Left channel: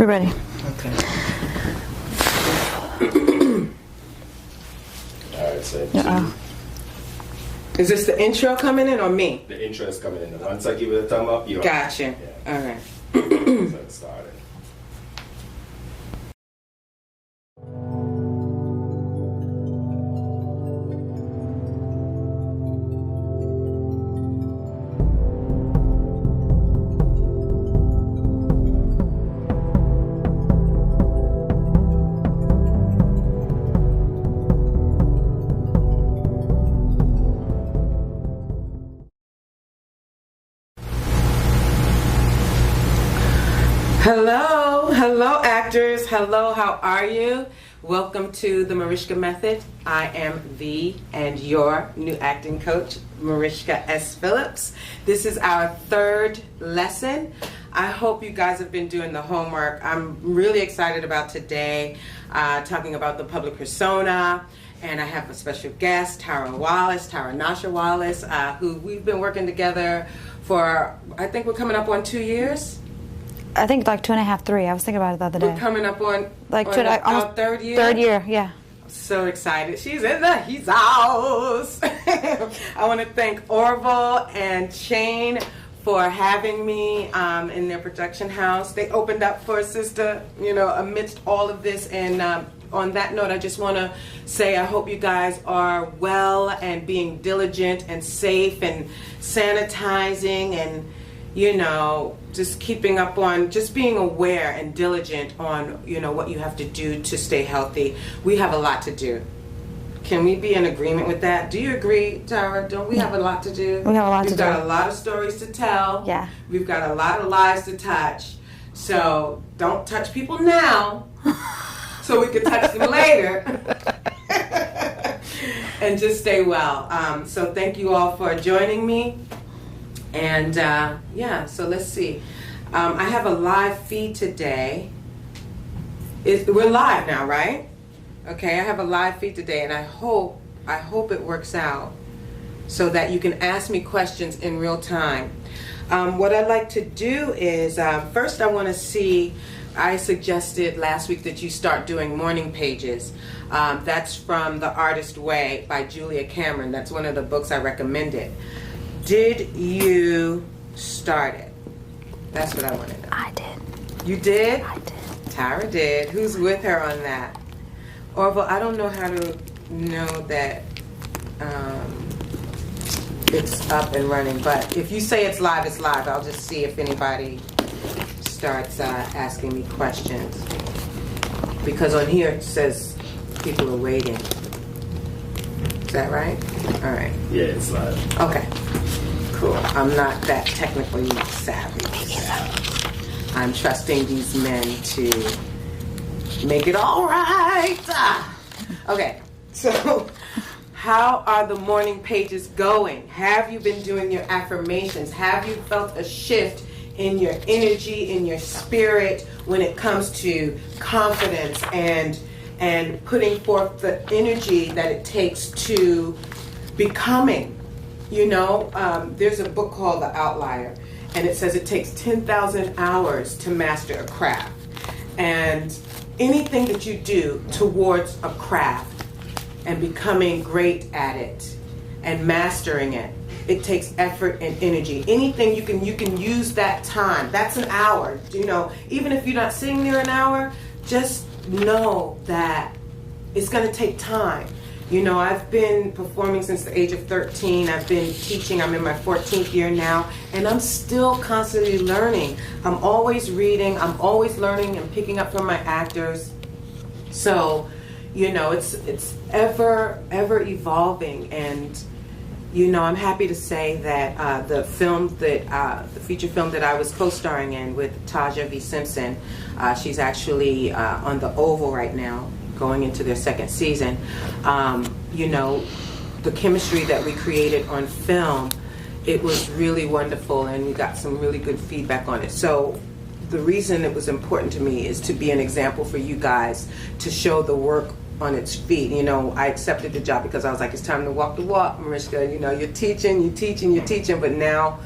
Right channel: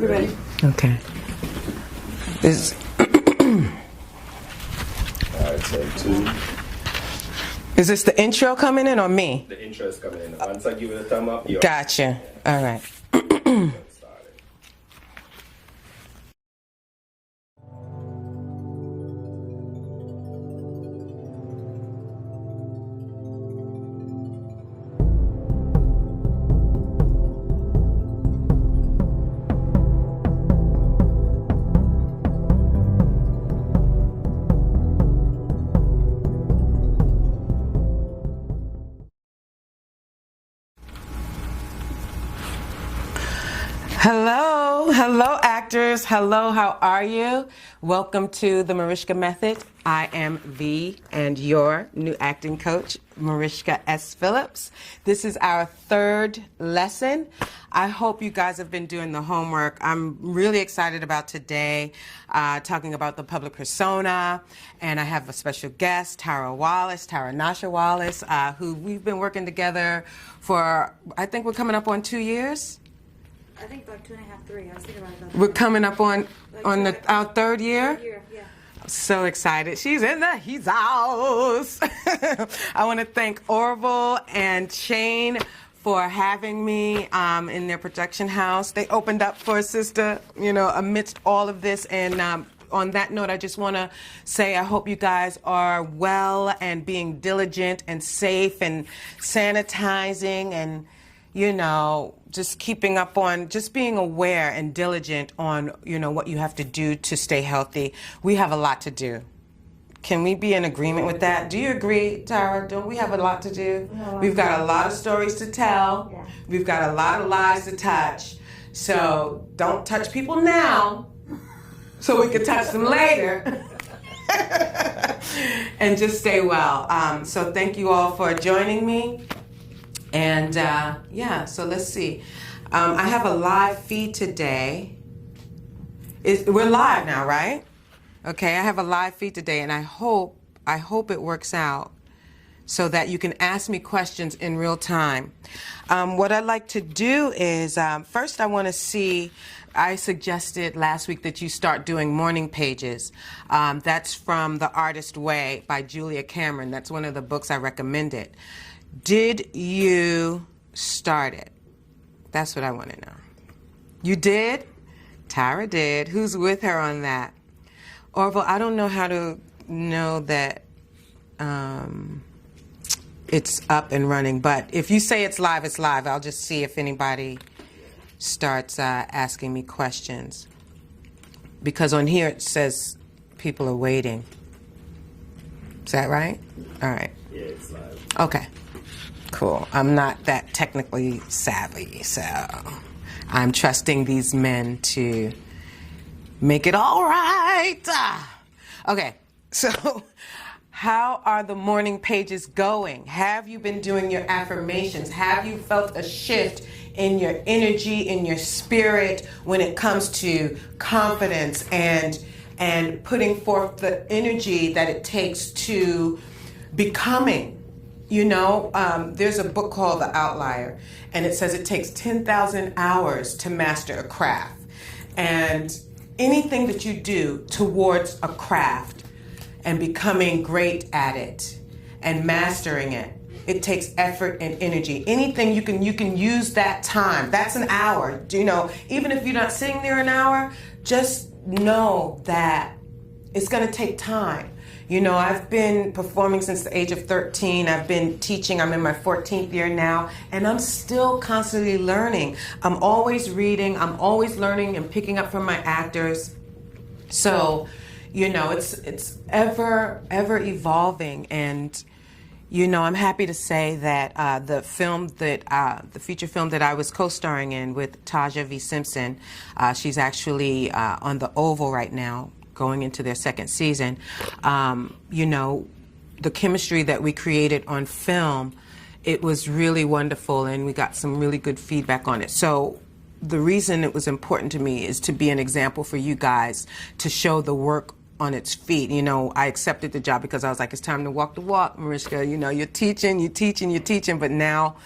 We're ready. Okay. Alright, so Is this the intro coming in or me? the intro is coming in. Once I give it a thumb up, you're Gotcha. All right. Let's start it. Hello actors, hello, how are you? Welcome to the Marishka Method. I am the and your new acting coach, Marishka S. Phillips. This is our third lesson. I hope you guys have been doing the homework. I'm really excited about today, talking about the public persona, and I have a special guest, Tara Wallace, who we've been working together for, I think we're coming up on 2 years. I think like 2.5, 3. I was thinking about it the other day. We're coming up on, like our third year. Third year, yeah. So excited. She's in the he's house. I want to thank Orville and Shane for having me in their production house. They opened up for a sister, you know, amidst all of this. And on that note, I just want to say I hope you guys are well and being diligent and safe and sanitizing and, you know, just keeping up on, just being aware and diligent on, you know, what you have to do to stay healthy. We have a lot to do. Can we be in agreement with that? Do you agree, Tara? Don't we have a lot to do? We have a lot We've to do. got a lot of stories to tell. Yeah. We've got a lot of lives to touch. So don't touch people now so we can touch them later. And just stay well. So thank you all for joining me. And yeah, so let's see. I have a live feed today. We're live now, right? Okay, I have a live feed today, and I hope it works out so that you can ask me questions in real time. What I'd like to do is, first I want to see, I suggested last week that you start doing morning pages. That's from The Artist Way by Julia Cameron. That's one of the books I recommended. Did you start it? That's what I want to know. I did. You did? I did. Tara did. Who's with her on that? Orville, I don't know how to know that it's up and running, but if you say it's live, it's live. I'll just see if anybody starts asking me questions. Because on here it says people are waiting. Is that right? All right. Yeah, it's live. Okay. Cool. I'm not that technically savvy, so I'm trusting these men to make it all right. Okay, so how are the morning pages going? Have you been doing your affirmations? Have you felt a shift in your energy, in your spirit when it comes to confidence and putting forth the energy that it takes to becoming? You know, there's a book called The Outlier, and it says it takes 10,000 hours to master a craft. And anything that you do towards a craft and becoming great at it and mastering it, it takes effort and energy. Anything you can use that time. That's an hour. You know, even if you're not sitting there an hour, just know that it's going to take time. You know, I've been performing since the age of 13. I've been teaching. I'm in my 14th year now, and I'm still constantly learning. I'm always reading. I'm always learning and picking up from my actors. So, you know, it's ever evolving. And, you know, I'm happy to say that the feature film that I was co-starring in with Taja V. Simpson, she's actually on the Oval right now, going into their second season. You know, the chemistry that we created on film, it was really wonderful, and we got some really good feedback on it. So the reason it was important to me is to be an example for you guys, to show the work on its feet. You know, I accepted the job because I was like, it's time to walk the walk, Marishka. You know, you're teaching, but now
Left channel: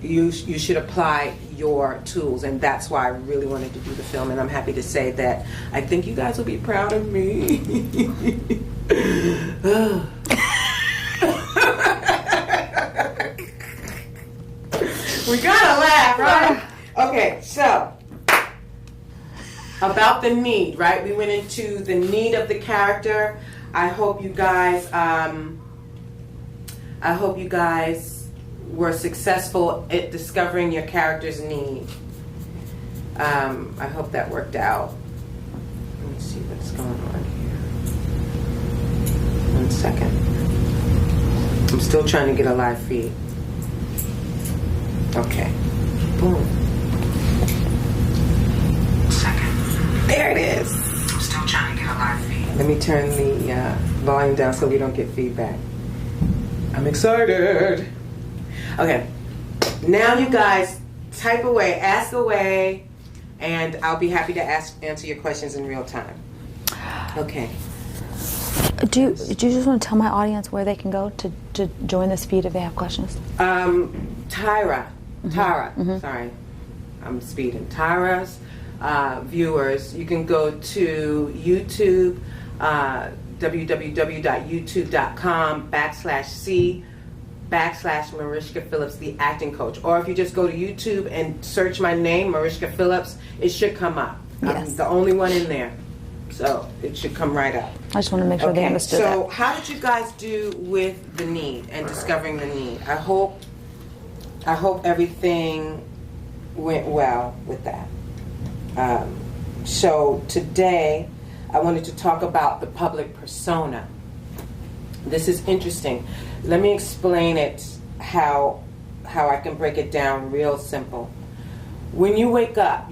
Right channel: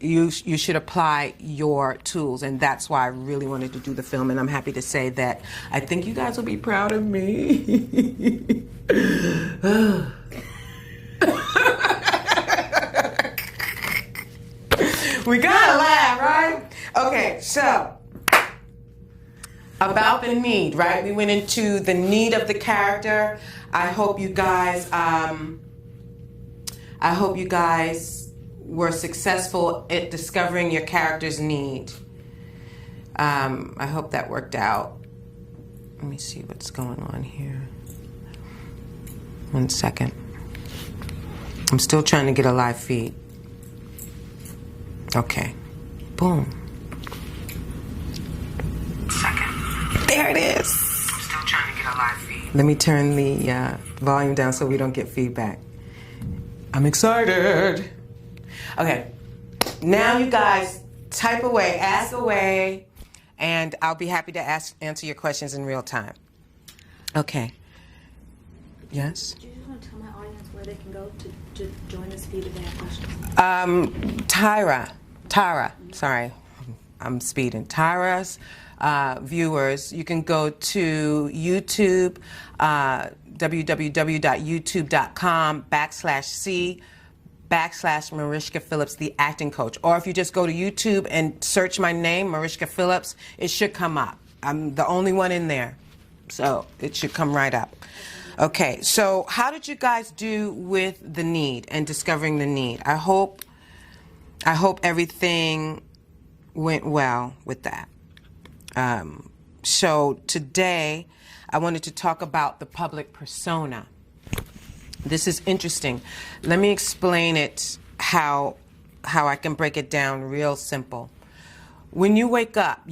you should apply your tools, and that's why I really wanted to do the film. And I'm happy to say that I think you guys will be proud of me. We gotta laugh, right? Okay, so about the need, right? We went into the need of the character. I hope you guys were successful at discovering your character's need. I hope that worked out. Let me see what's going on here. 1 second. I'm still trying to get a live feed. Okay. Boom. Second. There it is. I'm still trying to get a live feed. Let me turn the volume down so we don't get feedback. I'm excited. Okay. Now you guys type away, ask away, and I'll be happy to answer your questions in real time. Okay. Do you just want to tell my audience where they can go to join this feed if they have questions? Tara, sorry, I'm speeding. Tara's viewers, you can go to YouTube, www.youtube.com/C/Marishka Phillips, the acting coach. Or if you just go to YouTube and search my name, Marishka Phillips, it should come up. Yes. I'm the only one in there, so it should come right up. I just want to make sure they Okay, understood so that. how did you guys do with the need and discovering the need? I hope everything went well with that. So today, I wanted to talk about the public persona. This is interesting. Let me explain it how I can break it down real simple. When you wake up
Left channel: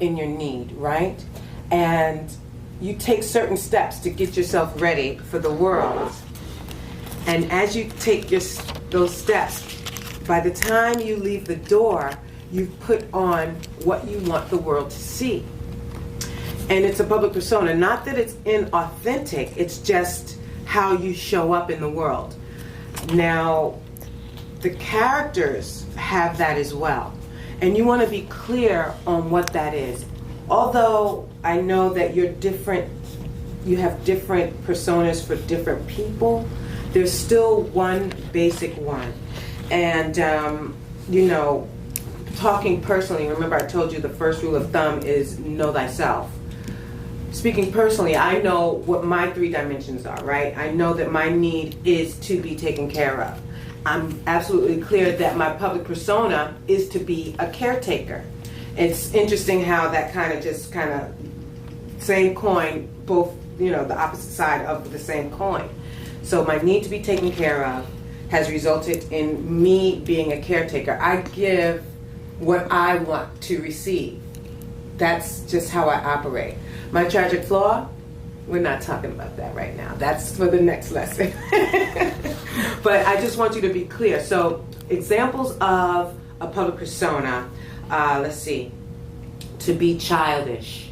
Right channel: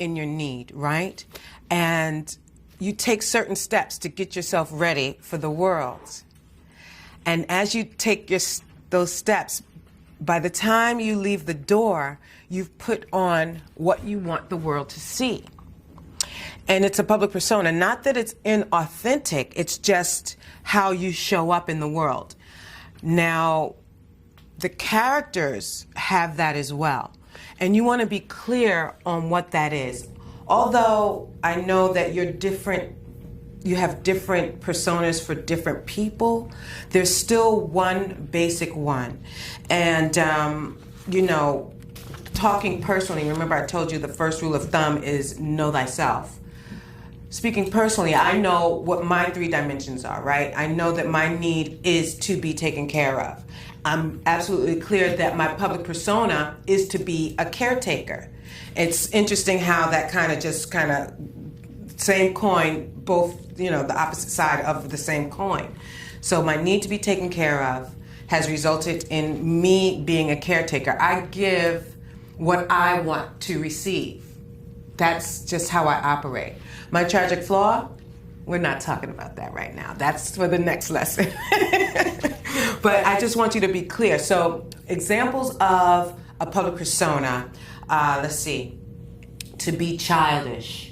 in your need, right? And you take certain steps to get yourself ready for the world. And as you take those steps, by the time you leave the door, you've put on what you want the world to see. And it's a public persona. Not that it's inauthentic, it's just how you show up in the world. Now, the characters have that as well. And you want to be clear on what that is. Although I know that you have different personas for different people, there's still one basic one. And, talking personally, remember I told you the first rule of thumb is know thyself. Speaking personally, I know what my 3 dimensions are, right? I know that my need is to be taken care of. I'm absolutely clear that my public persona is to be a caretaker. It's interesting how that kind of same coin, both, the opposite side of the same coin. So my need to be taken care of has resulted in me being a caretaker. I give what I want to receive. That's just how I operate. My tragic flaw, we're not talking about that right now. That's for the next lesson. But I just want you to be clear. So examples of a public persona, let's see, to be childish,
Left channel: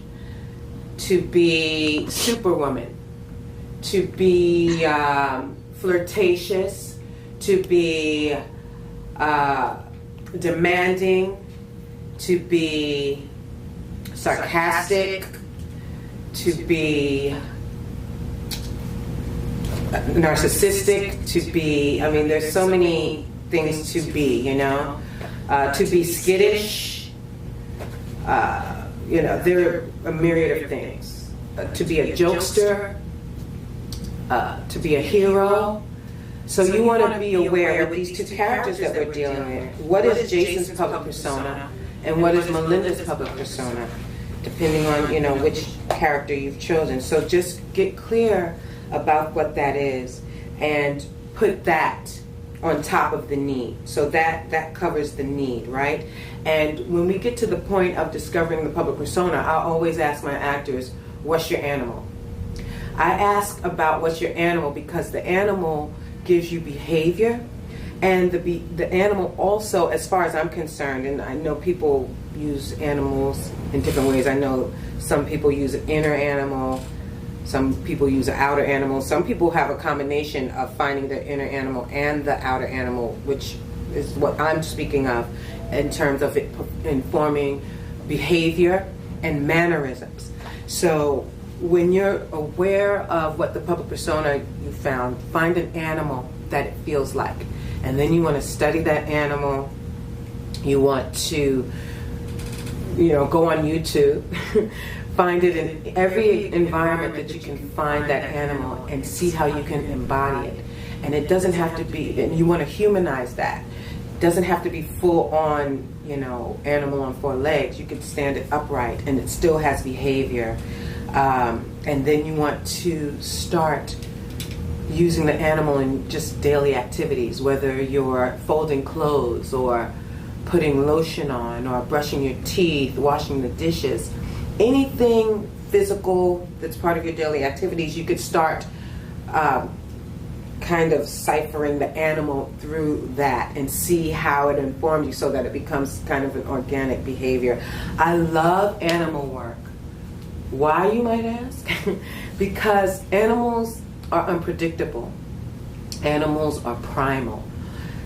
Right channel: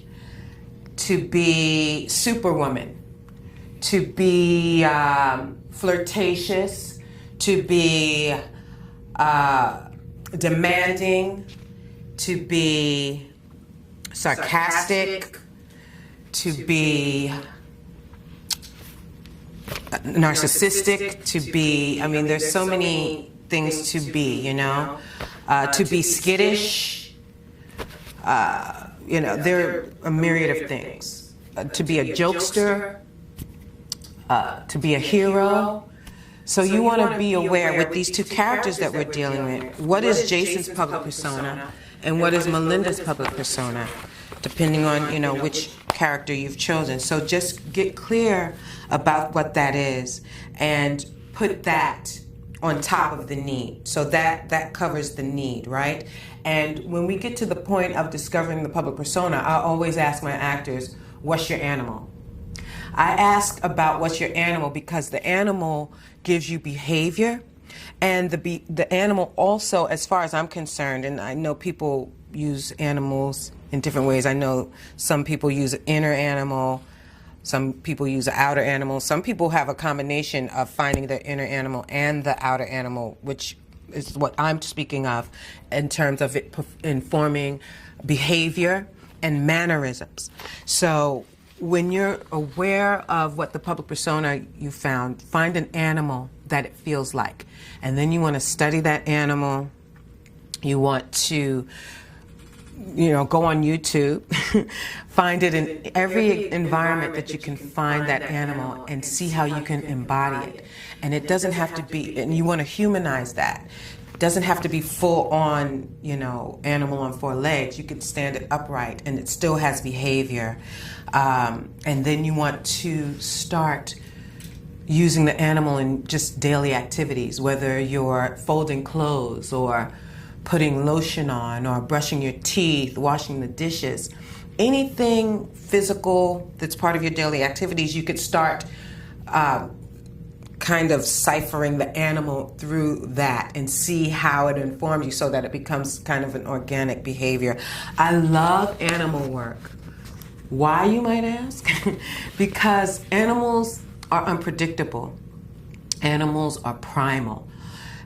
to be superwoman, to be flirtatious, to be demanding, to be sarcastic, to be narcissistic, to be, there's so many things to be, to be skittish, there are a myriad of things. To be a jokester, to be a hero. So you want to be aware with these 2 characters that we're dealing with. What is Jason's public persona and what is Melinda's public persona, depending on, which character you've chosen. So just get clear about what that is and put that on top of the need. So that covers the need, right? And when we get to the point of discovering the public persona, I always ask my actors, what's your animal? I ask about what's your animal because the animal gives you behavior, and the animal also, as far as I'm concerned, and I know people use animals in different ways. I know some people use an inner animal, some people use an outer animal, some people have a combination of finding their inner animal and the outer animal, which is what I'm speaking of in terms of it informing behavior and mannerisms. So when you're aware of what the public persona you found, find an animal that it feels like. And then you want to study that animal. You want to, go on YouTube, find it in every environment that you can find that animal and see how you can embody it. And it doesn't have to be, and you want to humanize that. It doesn't have to be full on, animal on 4 legs. You can stand it upright and it still has behavior. And then you want to start using the animal in just daily activities, whether you're folding clothes or putting lotion on or brushing your teeth, washing the dishes. Anything physical that's part of your daily activities, you could start kind of ciphering the animal through that and see how it informs you so that it becomes kind of an organic behavior. I love animal work. Why, you might ask? Because animals are unpredictable. Animals are primal.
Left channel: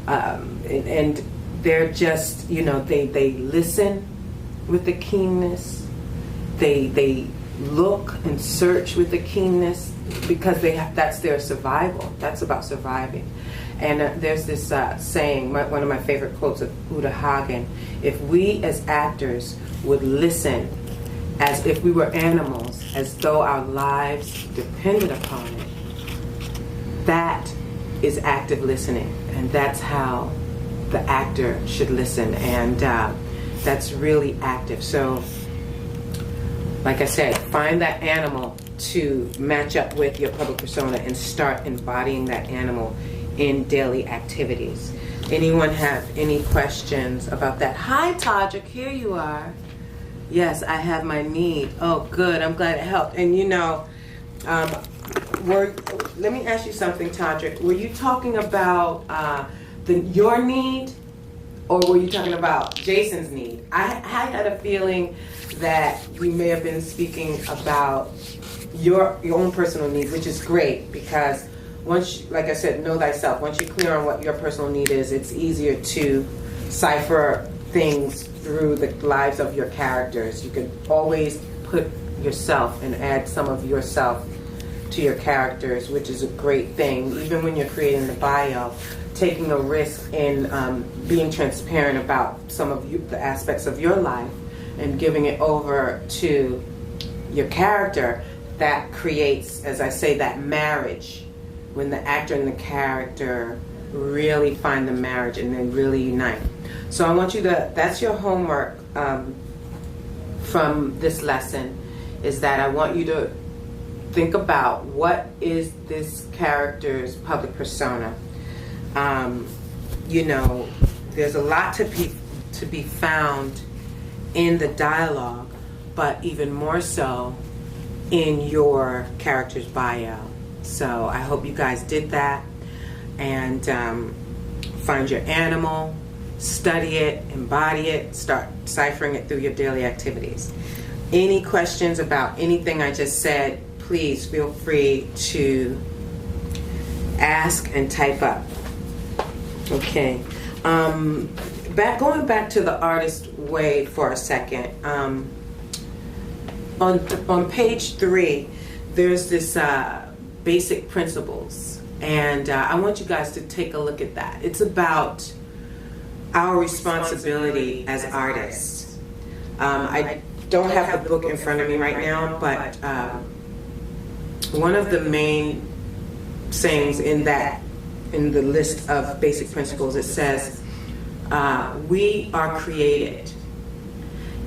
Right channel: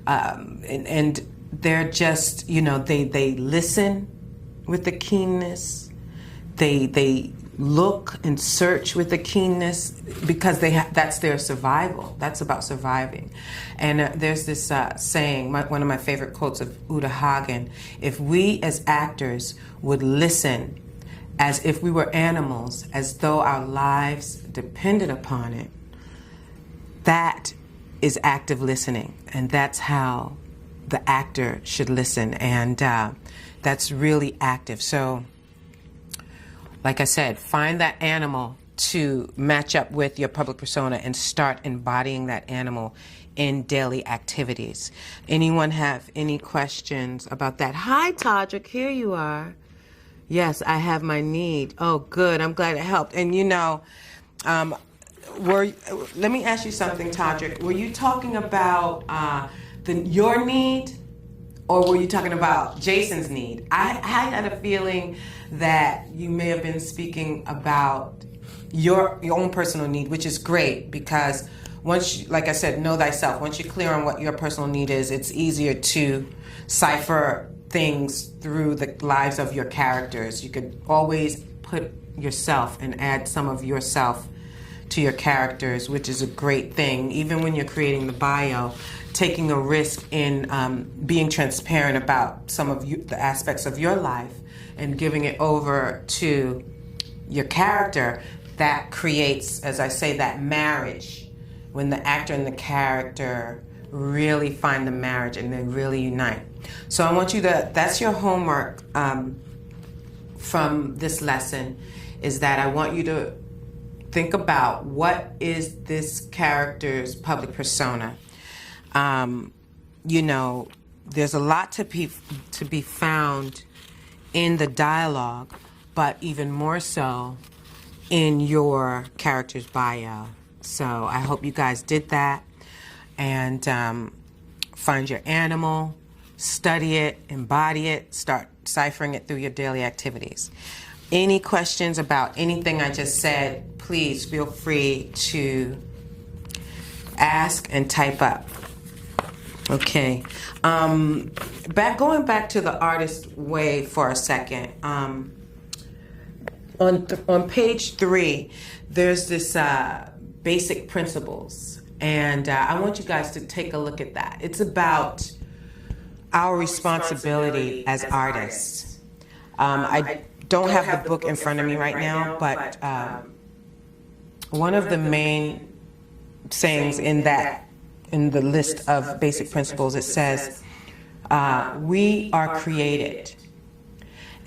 And they're just, they listen with a keenness. They look and search with a keenness because that's their survival. That's about surviving. And there's this saying, one of my favorite quotes of Uta Hagen, if we as actors would listen as if we were animals, as though our lives depended upon it, that is active listening. And that's how the actor should listen. And that's really active. So, like I said, find that animal to match up with your public persona and start embodying that animal in daily activities. Anyone have any questions about that? Hi, Todrick, here you are. Yes, I have my need. Oh, good. I'm glad it helped. And let me ask you something, Todrick. Were you talking about your need, or were you talking about Jason's need? I had a feeling that you may have been speaking about your own personal needs, which is great because once, like I said, know thyself. Once you're clear on what your personal need is, it's easier to cipher things through the lives of your characters. You can always put yourself and add some of yourself to your characters, which is a great thing. Even when you're creating the bio, taking a risk in being transparent about some of the aspects of your life and giving it over to your character, that creates, as I say, that marriage. When the actor and the character really find the marriage and then really unite. So I want you to, that's your homework from this lesson, is that I want you to think about what is this character's public persona. There's a lot to be found in the dialogue, but even more so in your character's bio. So I hope you guys did that. And find your animal, study it, embody it, start ciphering it through your daily activities. Any questions about anything I just said, please feel free to ask and type up. Okay. Going back to the artist way for a second. On page 3, there's this basic principles. And I want you guys to take a look at that. It's about our responsibility as artists. I don't have the book in front of me right now, but one of the main sayings in the list of basic principles, it says, we are created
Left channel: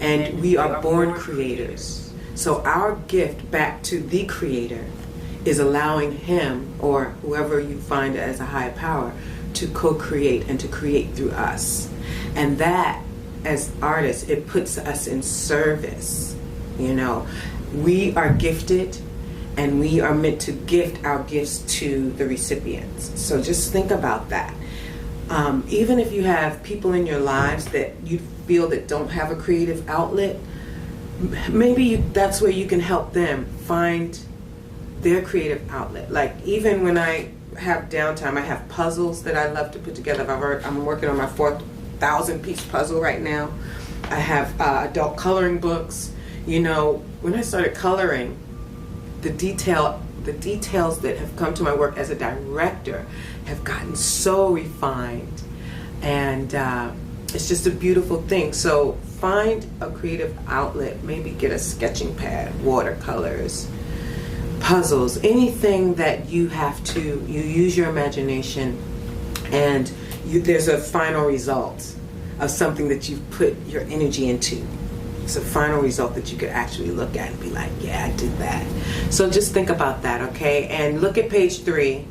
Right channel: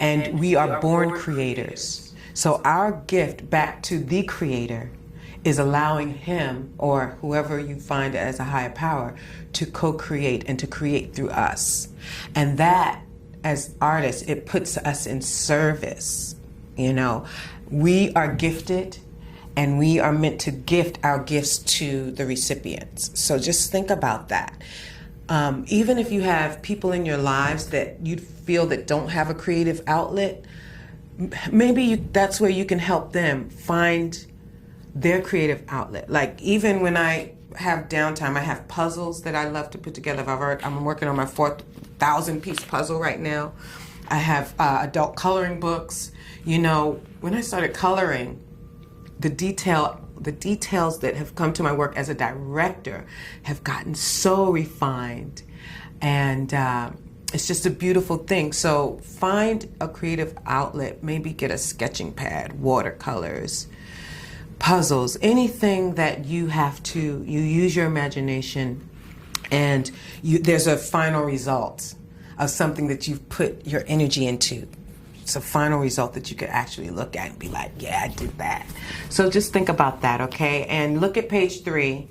and we are born creators. So our gift back to the Creator is allowing him or whoever you find as a higher power to co-create and to create through us. And that, as artists, it puts us in service. We are gifted and we are meant to gift our gifts to the recipients. So just think about that. Even if you have people in your lives that you feel that don't have a creative outlet, maybe that's where you can help them find their creative outlet. Like even when I have downtime, I have puzzles that I love to put together. I'm working on my 4,000-piece puzzle right now. I have adult coloring books. You know, when I started coloring, the details that have come to my work as a director have gotten so refined, and it's just a beautiful thing. So find a creative outlet, maybe get a sketching pad, watercolors, puzzles, anything that you use your imagination, and there's a final result of something that you've put your energy into. It's a final result that you could actually look at and be like, yeah, I did that. So just think about that, okay? And look at page 3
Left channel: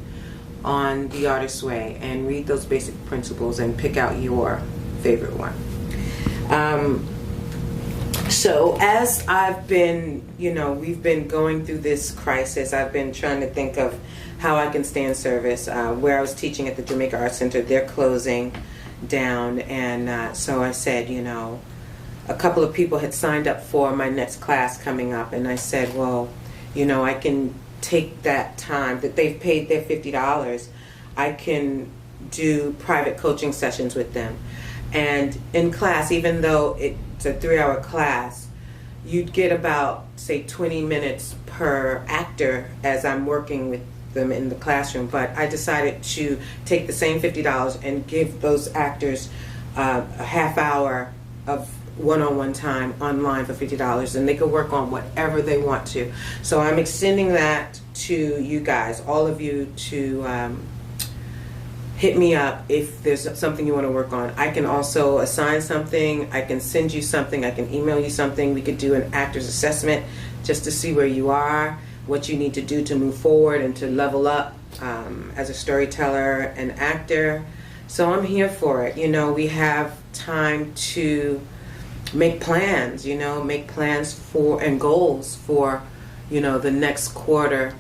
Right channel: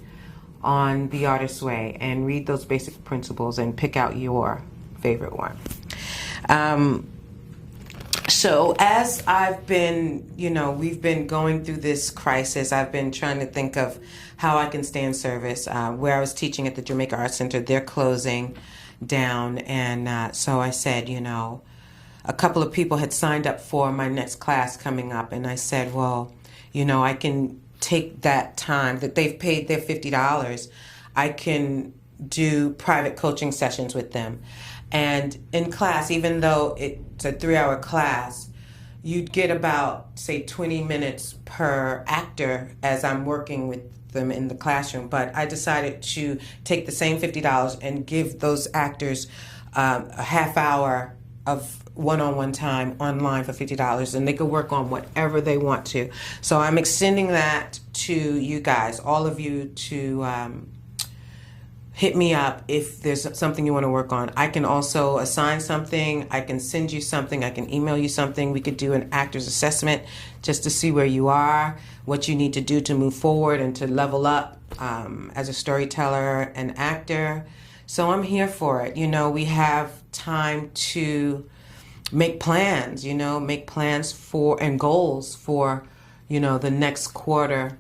on The Artist's Way and read those basic principles and pick out your favorite one. So as I've been, we've been going through this crisis, I've been trying to think of how I can stay in service. Where I was teaching at the Jamaica Arts Center, they're closing down, and so I said, a couple of people had signed up for my next class coming up, and I said, well, I can take that time that they've paid their $50, I can do private coaching sessions with them. And in class, even though it's a 3-hour class, you'd get about, say, 20 minutes per actor as I'm working with them in the classroom. But I decided to take the same $50 and give those actors a half hour of one-on-one time online for $50, and they can work on whatever they want to. So I'm extending that to you guys, all of you, to hit me up if there's something you want to work on. I can also assign something, I can send you something, I can email you something. We could do an actor's assessment just to see where you are, what you need to do to move forward and to level up as a storyteller and actor. So I'm here for it. We have time to make plans, make plans for and goals for, the next quarter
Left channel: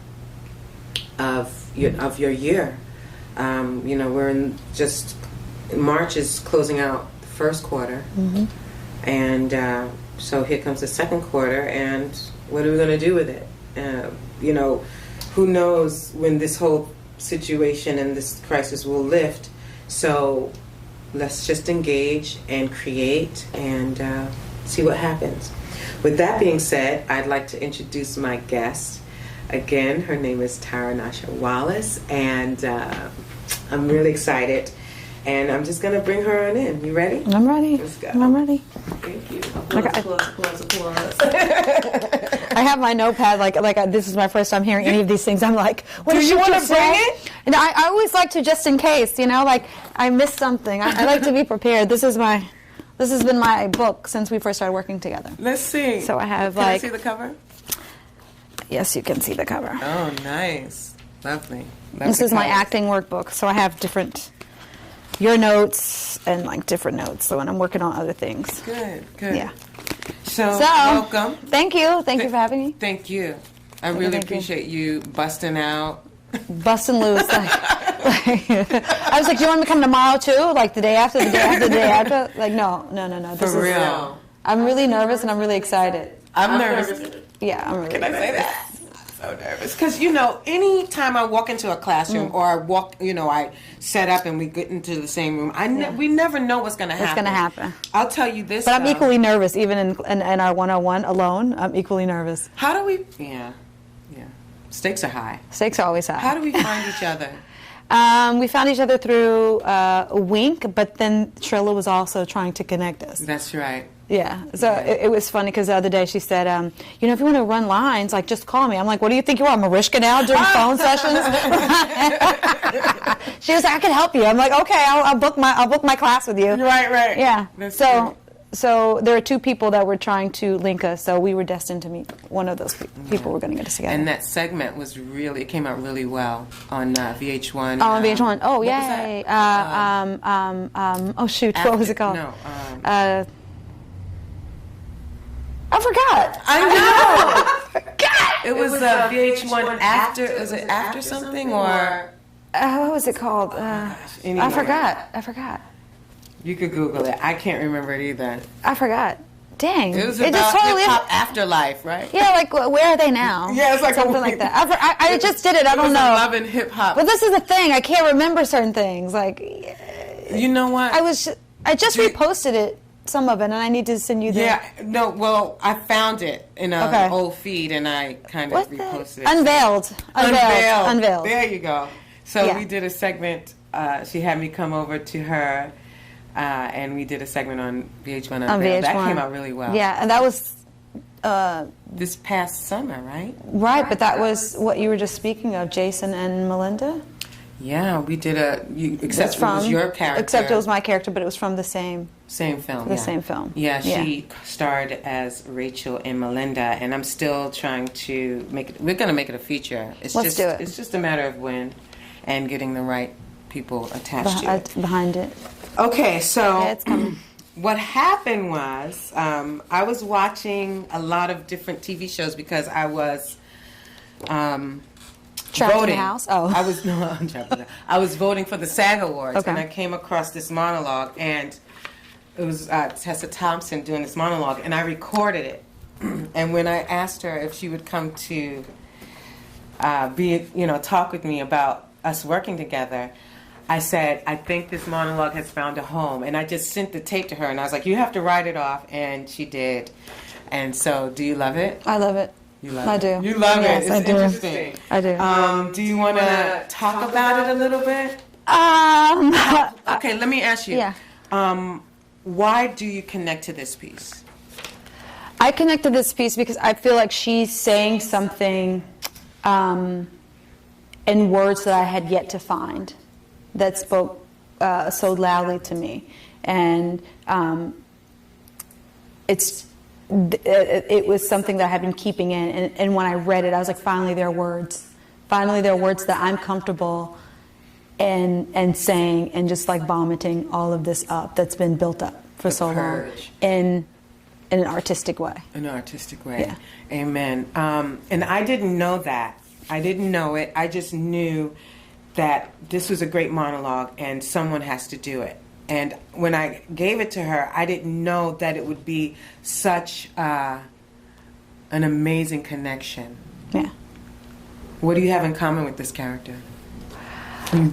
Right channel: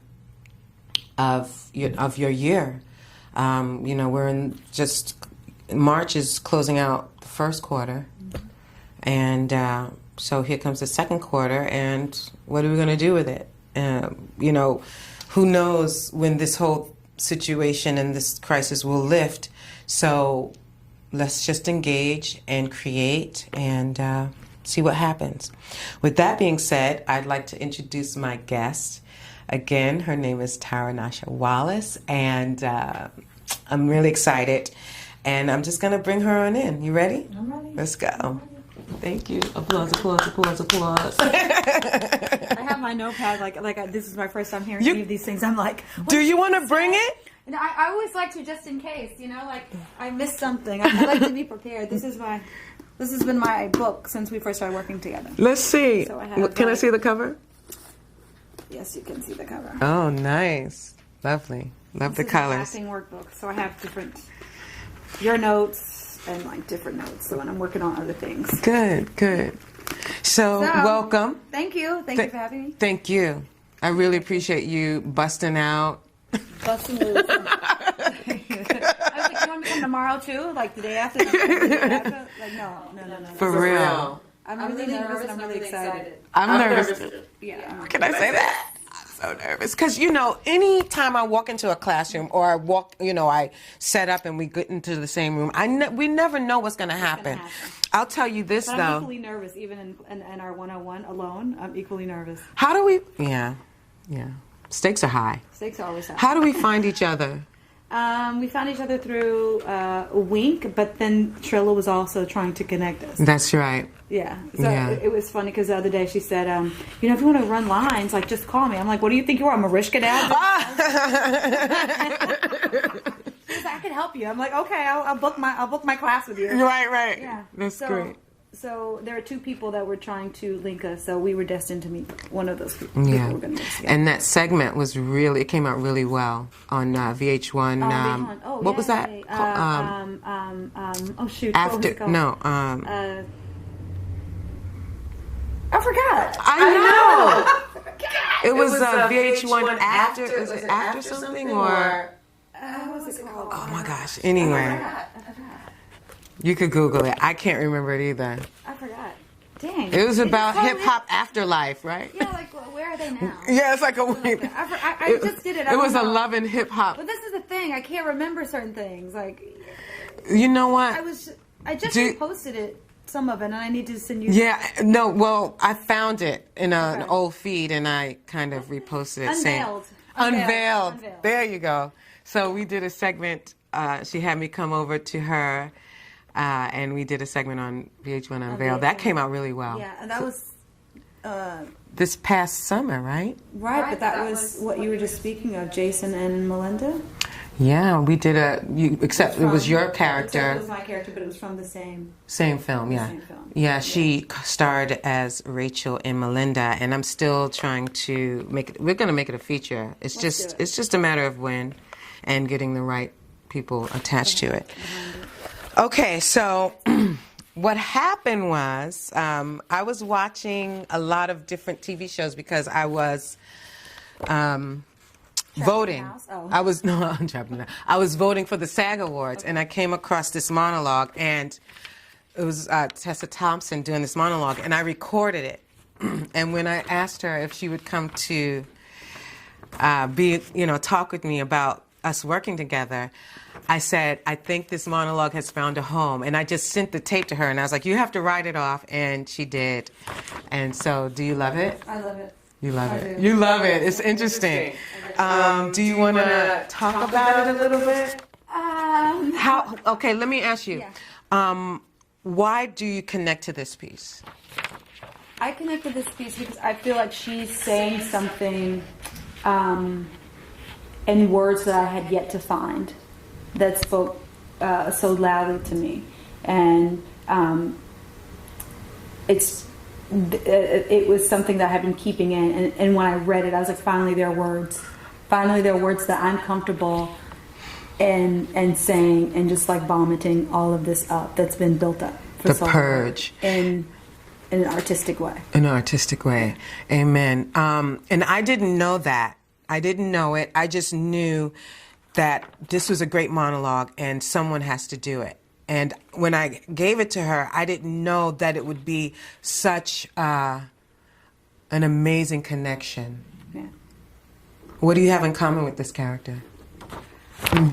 of your year. We're in March is closing out the first quarter, and so here comes the second quarter, and what are we going to do with it? Who knows when this whole situation and this crisis will lift? So let's just engage and create and see what happens. With that being said, I'd like to introduce my guest. Again, her name is Tara Wallace, and I'm really excited. And I'm just going to bring her on in. You ready? I'm ready. Let's go. I'm ready. Thank you. Applause. I have my notepad, this is my first time hearing any of these things. I'm like, what do you want to bring it? And I always like to, just in case, I missed something. I like to be prepared. This has been my book since we first started working together. Let's see. So I have, Can I see the cover? Yes, you can see the cover. Oh, nice. Lovely. This is my acting workbook. So I have your notes and different notes. So when I'm working on other things. Good. Yeah. So welcome. Thank you. Thank you for having me. Thank you. I really appreciate you busting out. Busting loose. I was like, do you want me to come tomorrow too? The day after, the day after, the day after? No. For real. I'm really nervous and I'm really excited. I'm nervous. Yeah, I'm really Can I say that? So nervous. Because, any time I walk into a classroom or I set up and we get into the same room, we never know what's going to happen. What's going to happen. I'll tell you this, But I'm equally nervous, even in our 101 alone. I'm equally nervous. How do we... Yeah. Stakes are high. Stakes are always high. How do we find each other? We found each other through Wink, but then Trilla was also trying to connect us. That's right. Yeah. So it was funny because the other day she said, if you want to run lines, just call me. I'm like, what do you think you are, Marishka now, doing phone sessions? She was like, I can help you. I'm like, okay, I'll book my class with you. Right. Yeah. That's great. So there are two people that were trying to link us, so we were destined to meet one of those people. People were going to get us together. And that segment it came out really well on VH1. Oh, on VH1. Oh, yeah. What was that? Oh, shoot. What was it called? No. I forgot. I know. It was VH1 after. Was it after something or? What was it called? Oh my gosh. Anyway. I forgot. You could Google it. I can't remember it either. I forgot. Dang. It was just about totally- hip-hop afterlife, right? Yeah, like where are they now? Yeah, it's like something like that. I just did it. I It don't was know. a Love and Hip Hop. But this is the thing. I can't remember certain things. Like, You know what? I just Do- reposted it, some of it, and I need to send you. Yeah, no, well, I found it in Okay. an old feed, and I kind of What's that? reposted it. Unveiled. Unveiled. There you go. So Yeah. we did a segment. She had me come over to her, and we did a segment on VH1 Unveiled. That VH1. came out really well. Yeah, and that was This past summer, right? right, but that was what you were just speaking of, Jason and Melinda. Yeah, we did except it was your character. Except it was my character, but it was from the same. Same film. The yeah. same film. Yeah, she starred as Rachel and Melinda, and I'm still trying to make it. We're going to make it a feature. It's Let's do it. It's just a matter of when, and getting the right people attached to it. Behind it. Okay, so Yeah, it's fine. what happened was I was watching a lot of different TV shows because I was. Trapped in the Voting. house? Oh. I was no, I'm trapped in the- I was voting for the SAG Awards, Okay. and I came across this monologue, and it was Tessa Thompson doing this monologue, and I recorded it. And when I asked her if she would come to talk with me about us working together, I said, I think this monologue has found a home. And I just sent the tape to her, and I was like, you have to write it off. And she did. And so, do you love it? I love it. You love I it. do. You love Yes, it. It's I do. interesting. I do. Do you want to talk about it a little bit? Okay, let me ask you. Yeah. Why do you connect to this piece? I connected this piece because I feel like she's saying something in words that I had yet to find that spoke so loudly to me. And it was something that I had been keeping in. And when I read it, I was like, finally there are words. Finally there are words that I'm comfortable in saying and just like vomiting all of this up that's been built up for The so purge. long. In an artistic way. In an artistic way. Yeah. Amen. And I didn't know that. I didn't know it. I just knew that this was a great monologue and someone has to do it. And when I gave it to her, I didn't know that it would be such an amazing connection. Yeah. What do you have in common with this character? I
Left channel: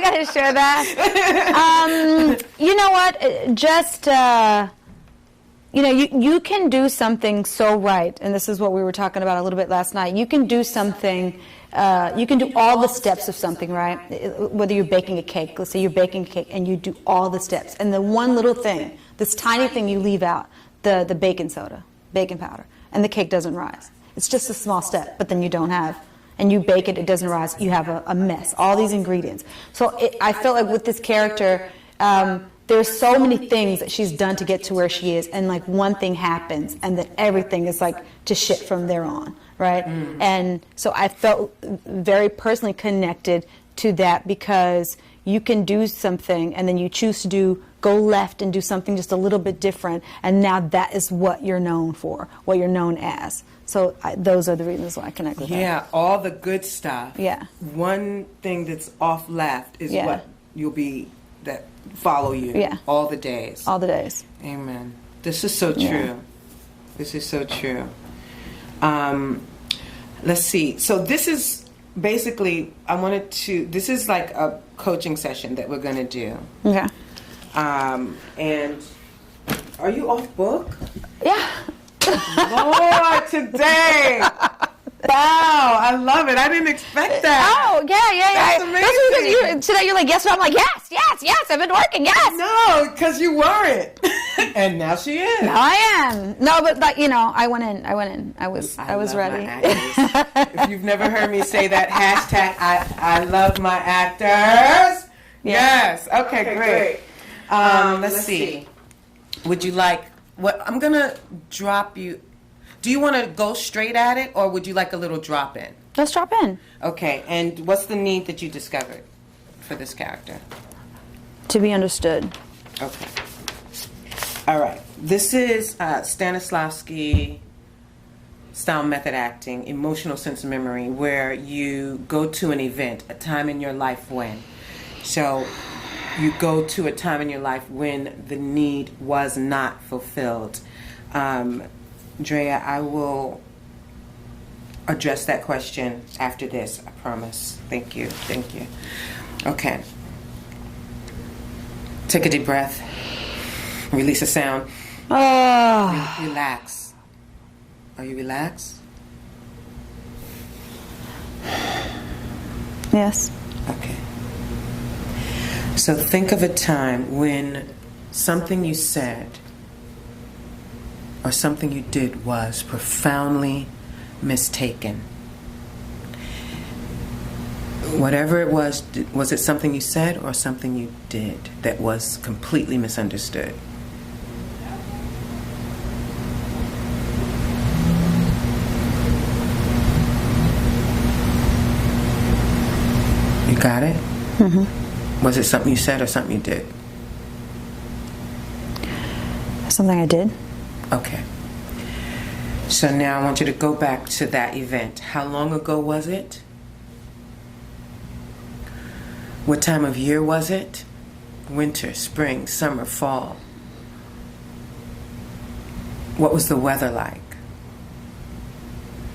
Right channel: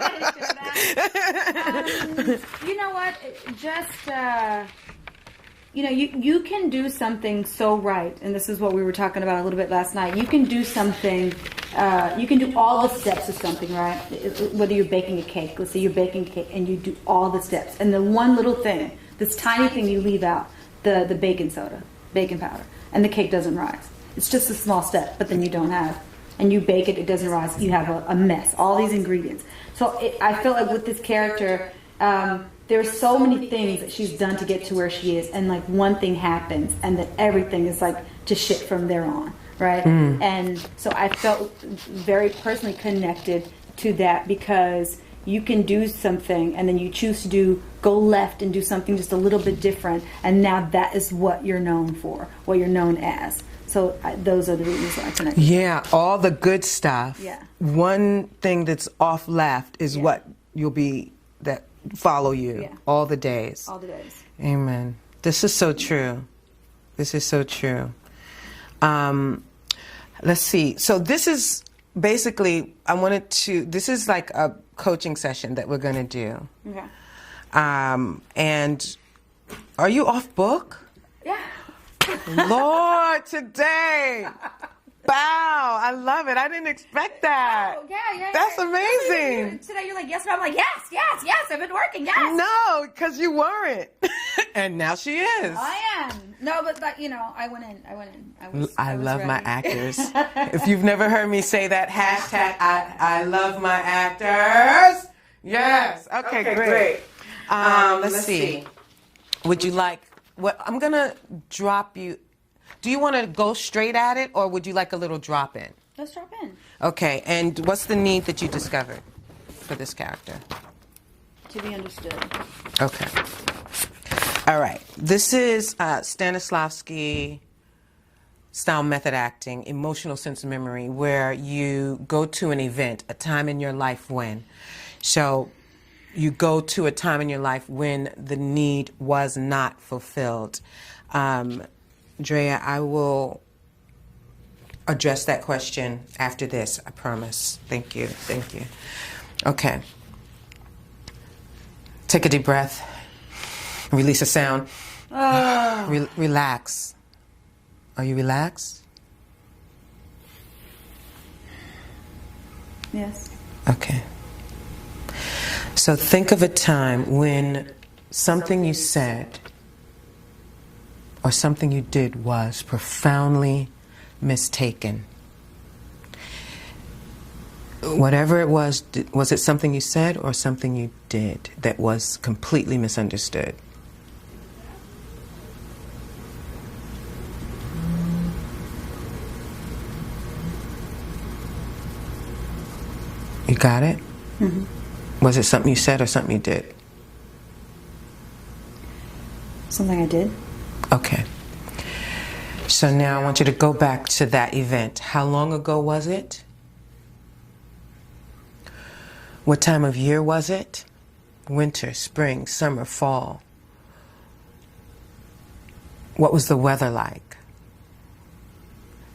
gotta share that. You know what? Just you can do something so right, and this is what we were talking about a little bit last night. You can do something. You can do all the steps of something right. Whether you're baking a cake, let's say you're baking a cake, and you do all the steps, and the one little thing, this tiny thing you leave out, the baking soda, baking powder, and the cake doesn't rise. It's just a small step, but then you don't have. And you bake it, it doesn't rise, you have a mess, all these ingredients. So I feel like with this character, there's so many things that she's done to get to where she is, and like one thing happens, and then everything is like to shit from there on, right? And so I felt very personally connected to that because you can do something, and then you choose to go left and do something just a little bit different, and now that is what you're known for, what you're known as. So those are the reasons why I connected. Yeah, all the good stuff. Yeah. One thing that's off left is what you'll be, that follow you. Yeah. All the days. All the days. Amen. This is so true. Yeah. This is so true. Let's see. So this is basically, this is like a coaching session that we're going to do. Okay. And are you off book? Yeah. Lord, today. Wow, I love it. I didn't expect that. Oh, yeah. That's amazing. Today you're like, yes, and I'm like, yes, I've been working, yes. No, because you weren't. And now she is. I am. No, but I went in. I was love ready. my actors. If you've never heard me say that hashtag, I love my actors. Yes. Okay, great. Let's see. Would you like, I'm going to drop you. Do you want to go straight at it, or would you like a little drop in? Let's drop in. Okay, and what's the need that you discovered for this character? To be understood. Okay. All right. This is Stanislavski style method acting, emotional sense memory, where you go to an event, a time in your life when. So you go to a time in your life when the need was not fulfilled. Drea, I will address that question after this, I promise. Thank you. Okay. Take a deep breath. Release a sound. Relax. Are you relaxed? Yes. Okay. So think of a time when something you said or something you did was profoundly mistaken. Whatever it was it something you said or something you did that was completely misunderstood? You got it? Mm-hmm. Was it something you said or something you did? Something I did. Okay. So now I want you to go back to that event. How long ago was it? What time of year was it? Winter, spring, summer, fall? What was the weather like?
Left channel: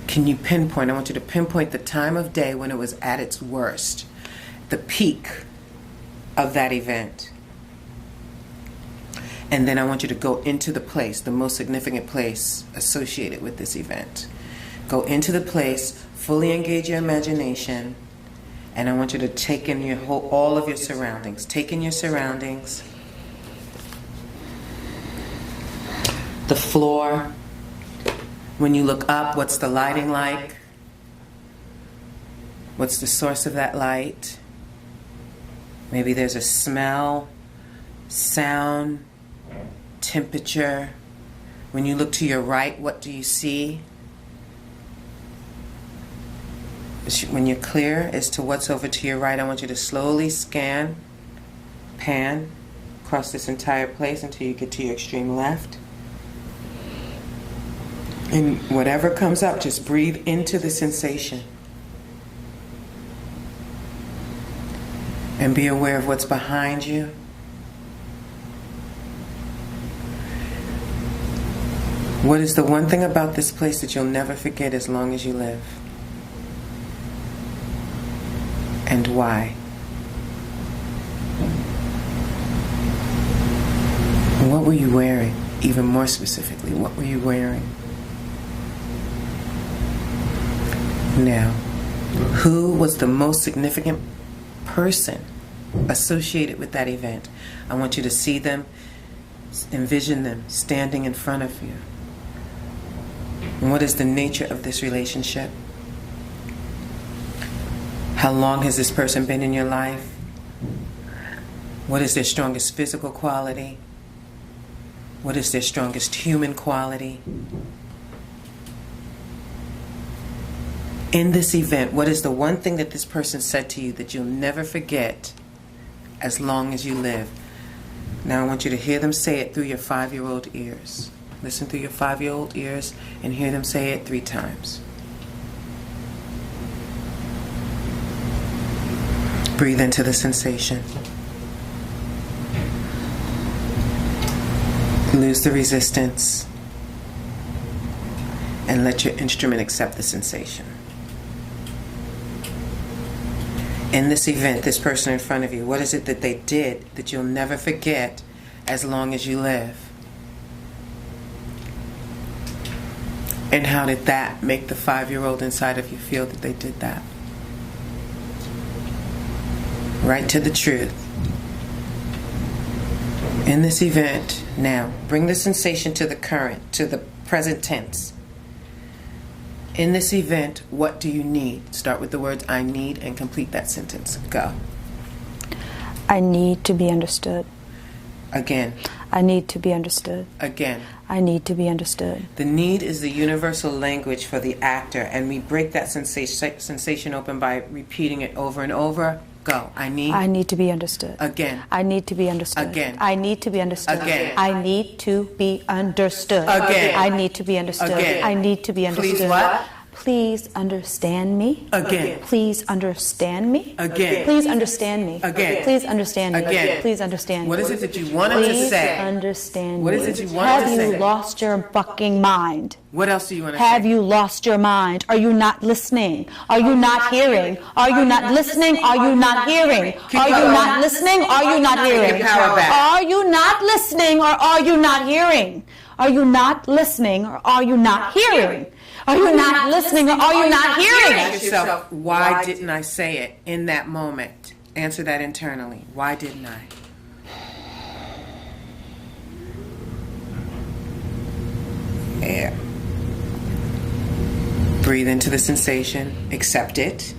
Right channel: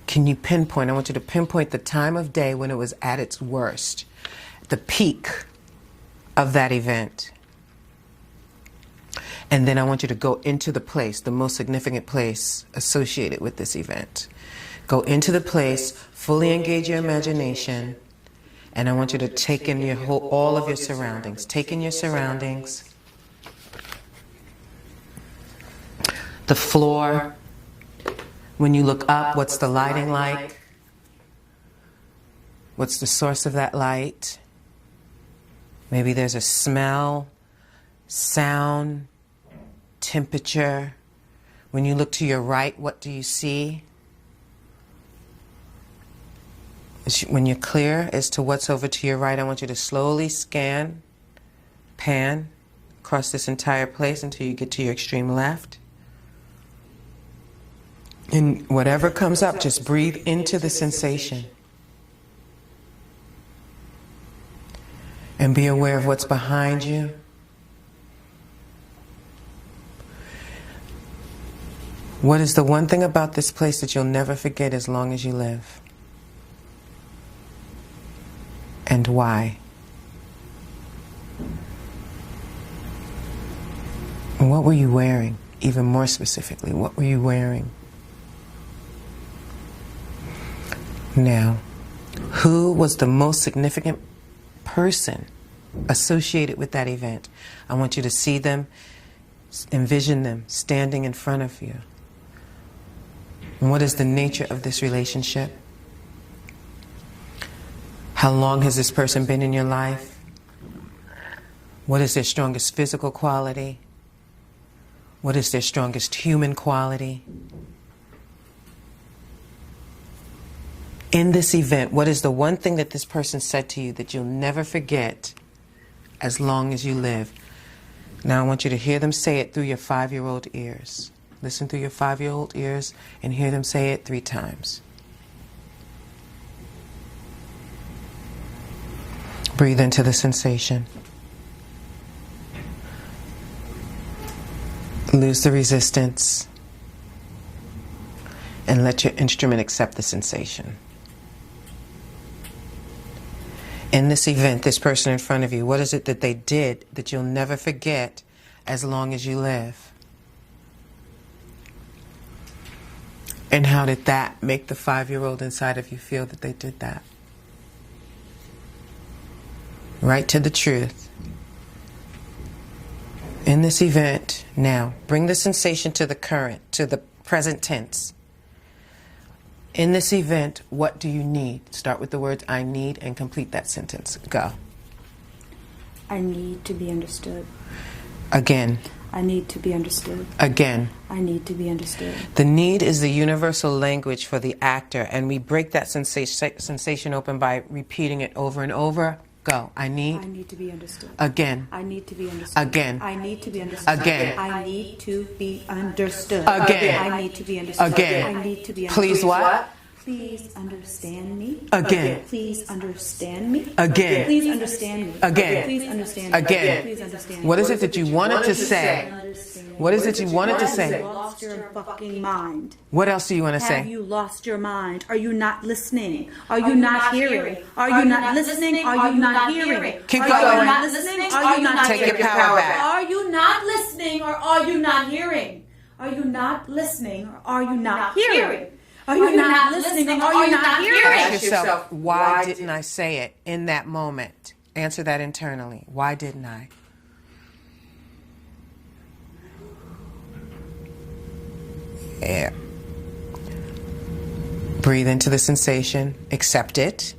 Can you pinpoint? I want you to pinpoint the time of day when it was at its worst, the peak of that event. And then I want you to go into the place, the most significant place associated with this event. Go into the place, fully engage your imagination, and I want you to take in all of your surroundings. Take in your surroundings. The floor. When you look up, what's the lighting like? What's the source of that light? Maybe there's a smell, sound, temperature. When you look to your right, what do you see? When you're clear as to what's over to your right, I want you to slowly scan, pan, across this entire place until you get to your extreme left. And whatever comes up, just breathe into the sensation. And be aware of what's behind you. What is the one thing about this place that you'll never forget as long as you live? And why? And what were you wearing? Even more specifically, what were you wearing? Now, who was the most significant person associated with that event? I want you to see them, envision them standing in front of you. And what is the nature of this relationship? How long has this person been in your life? What is their strongest physical quality? What is their strongest human quality? In this event, what is the one thing that this person said to you that you'll never forget as long as you live? Now I want you to hear them say it through your 5-year-old ears. Listen through your 5-year-old ears and hear them say it 3 times. Breathe into the sensation. Lose the resistance. And let your instrument accept the sensation. In this event, this person in front of you, what is it that they did that you'll never forget as long as you live? And how did that make the 5-year-old inside of you feel that they did that? Right to the truth. In this event, now, bring the sensation to the current, to the present tense. In this event, what do you need? Start with the words I need and complete that sentence. Go. I need to be understood. Again. I need to be understood. Again. I need to be understood. The need is the universal language for the actor, and we break that sensation open by repeating it over and over. Go. I need to be understood. Again. I need to be understood. Again. I need to be understood. Again. I need to be understood. Again. I need to be understood. Again. I need to be understood. Please what? Please understand me. Again. Please understand me. Again. Please understand me. Again. Please understand me. Again. Please understand me. What is it that you wanted to Please say? understand What me. is it you wanted to Have say? you lost your fucking mind? What else do you want to say? Have you lost your mind? Are you not listening? Are you not hearing? Are you not listening? Are you not hearing? Are you not listening? Are you not hearing? Are you not listening or are you not hearing? Are you not listening or are you not hearing? Are you not listening or are you not hearing? Ask yourself, why didn't I say it in that moment? Answer that internally. Why didn't I? Yeah. Breathe into the sensation. Accept it.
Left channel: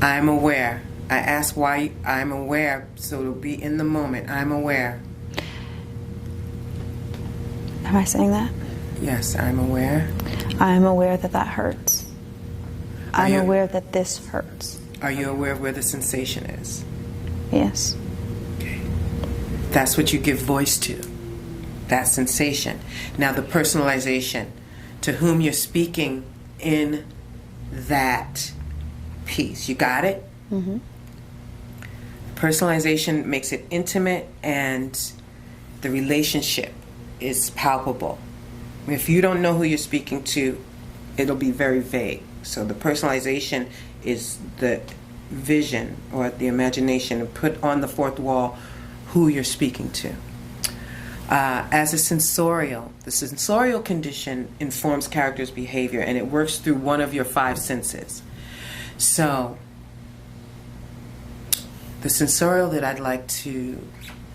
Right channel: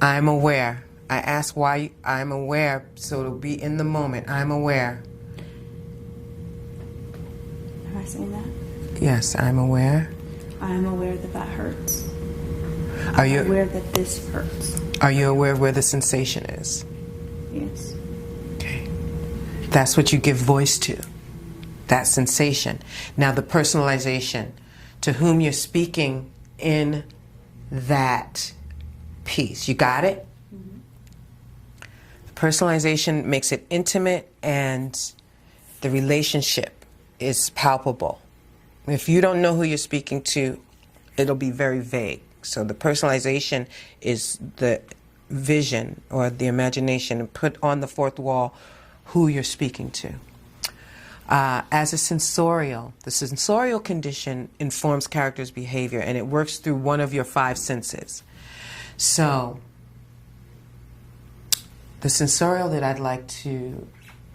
I'm aware. I ask why I'm aware, so it'll be in the moment. I'm aware. Am I saying that? Yes, I'm aware. I'm aware that that hurts. I'm aware that this hurts. Are you aware of where the sensation is? Yes. Okay. That's what you give voice to. That sensation. Now the personalization. To whom you're speaking in that piece. You got it? Mm-hmm. Personalization makes it intimate and the relationship is palpable. If you don't know who you're speaking to, it'll be very vague. So the personalization is the vision or the imagination and put on the fourth wall who you're speaking to. As a sensorial, the sensorial condition informs character's behavior and it works through one of your five senses. So the sensorial that I'd like to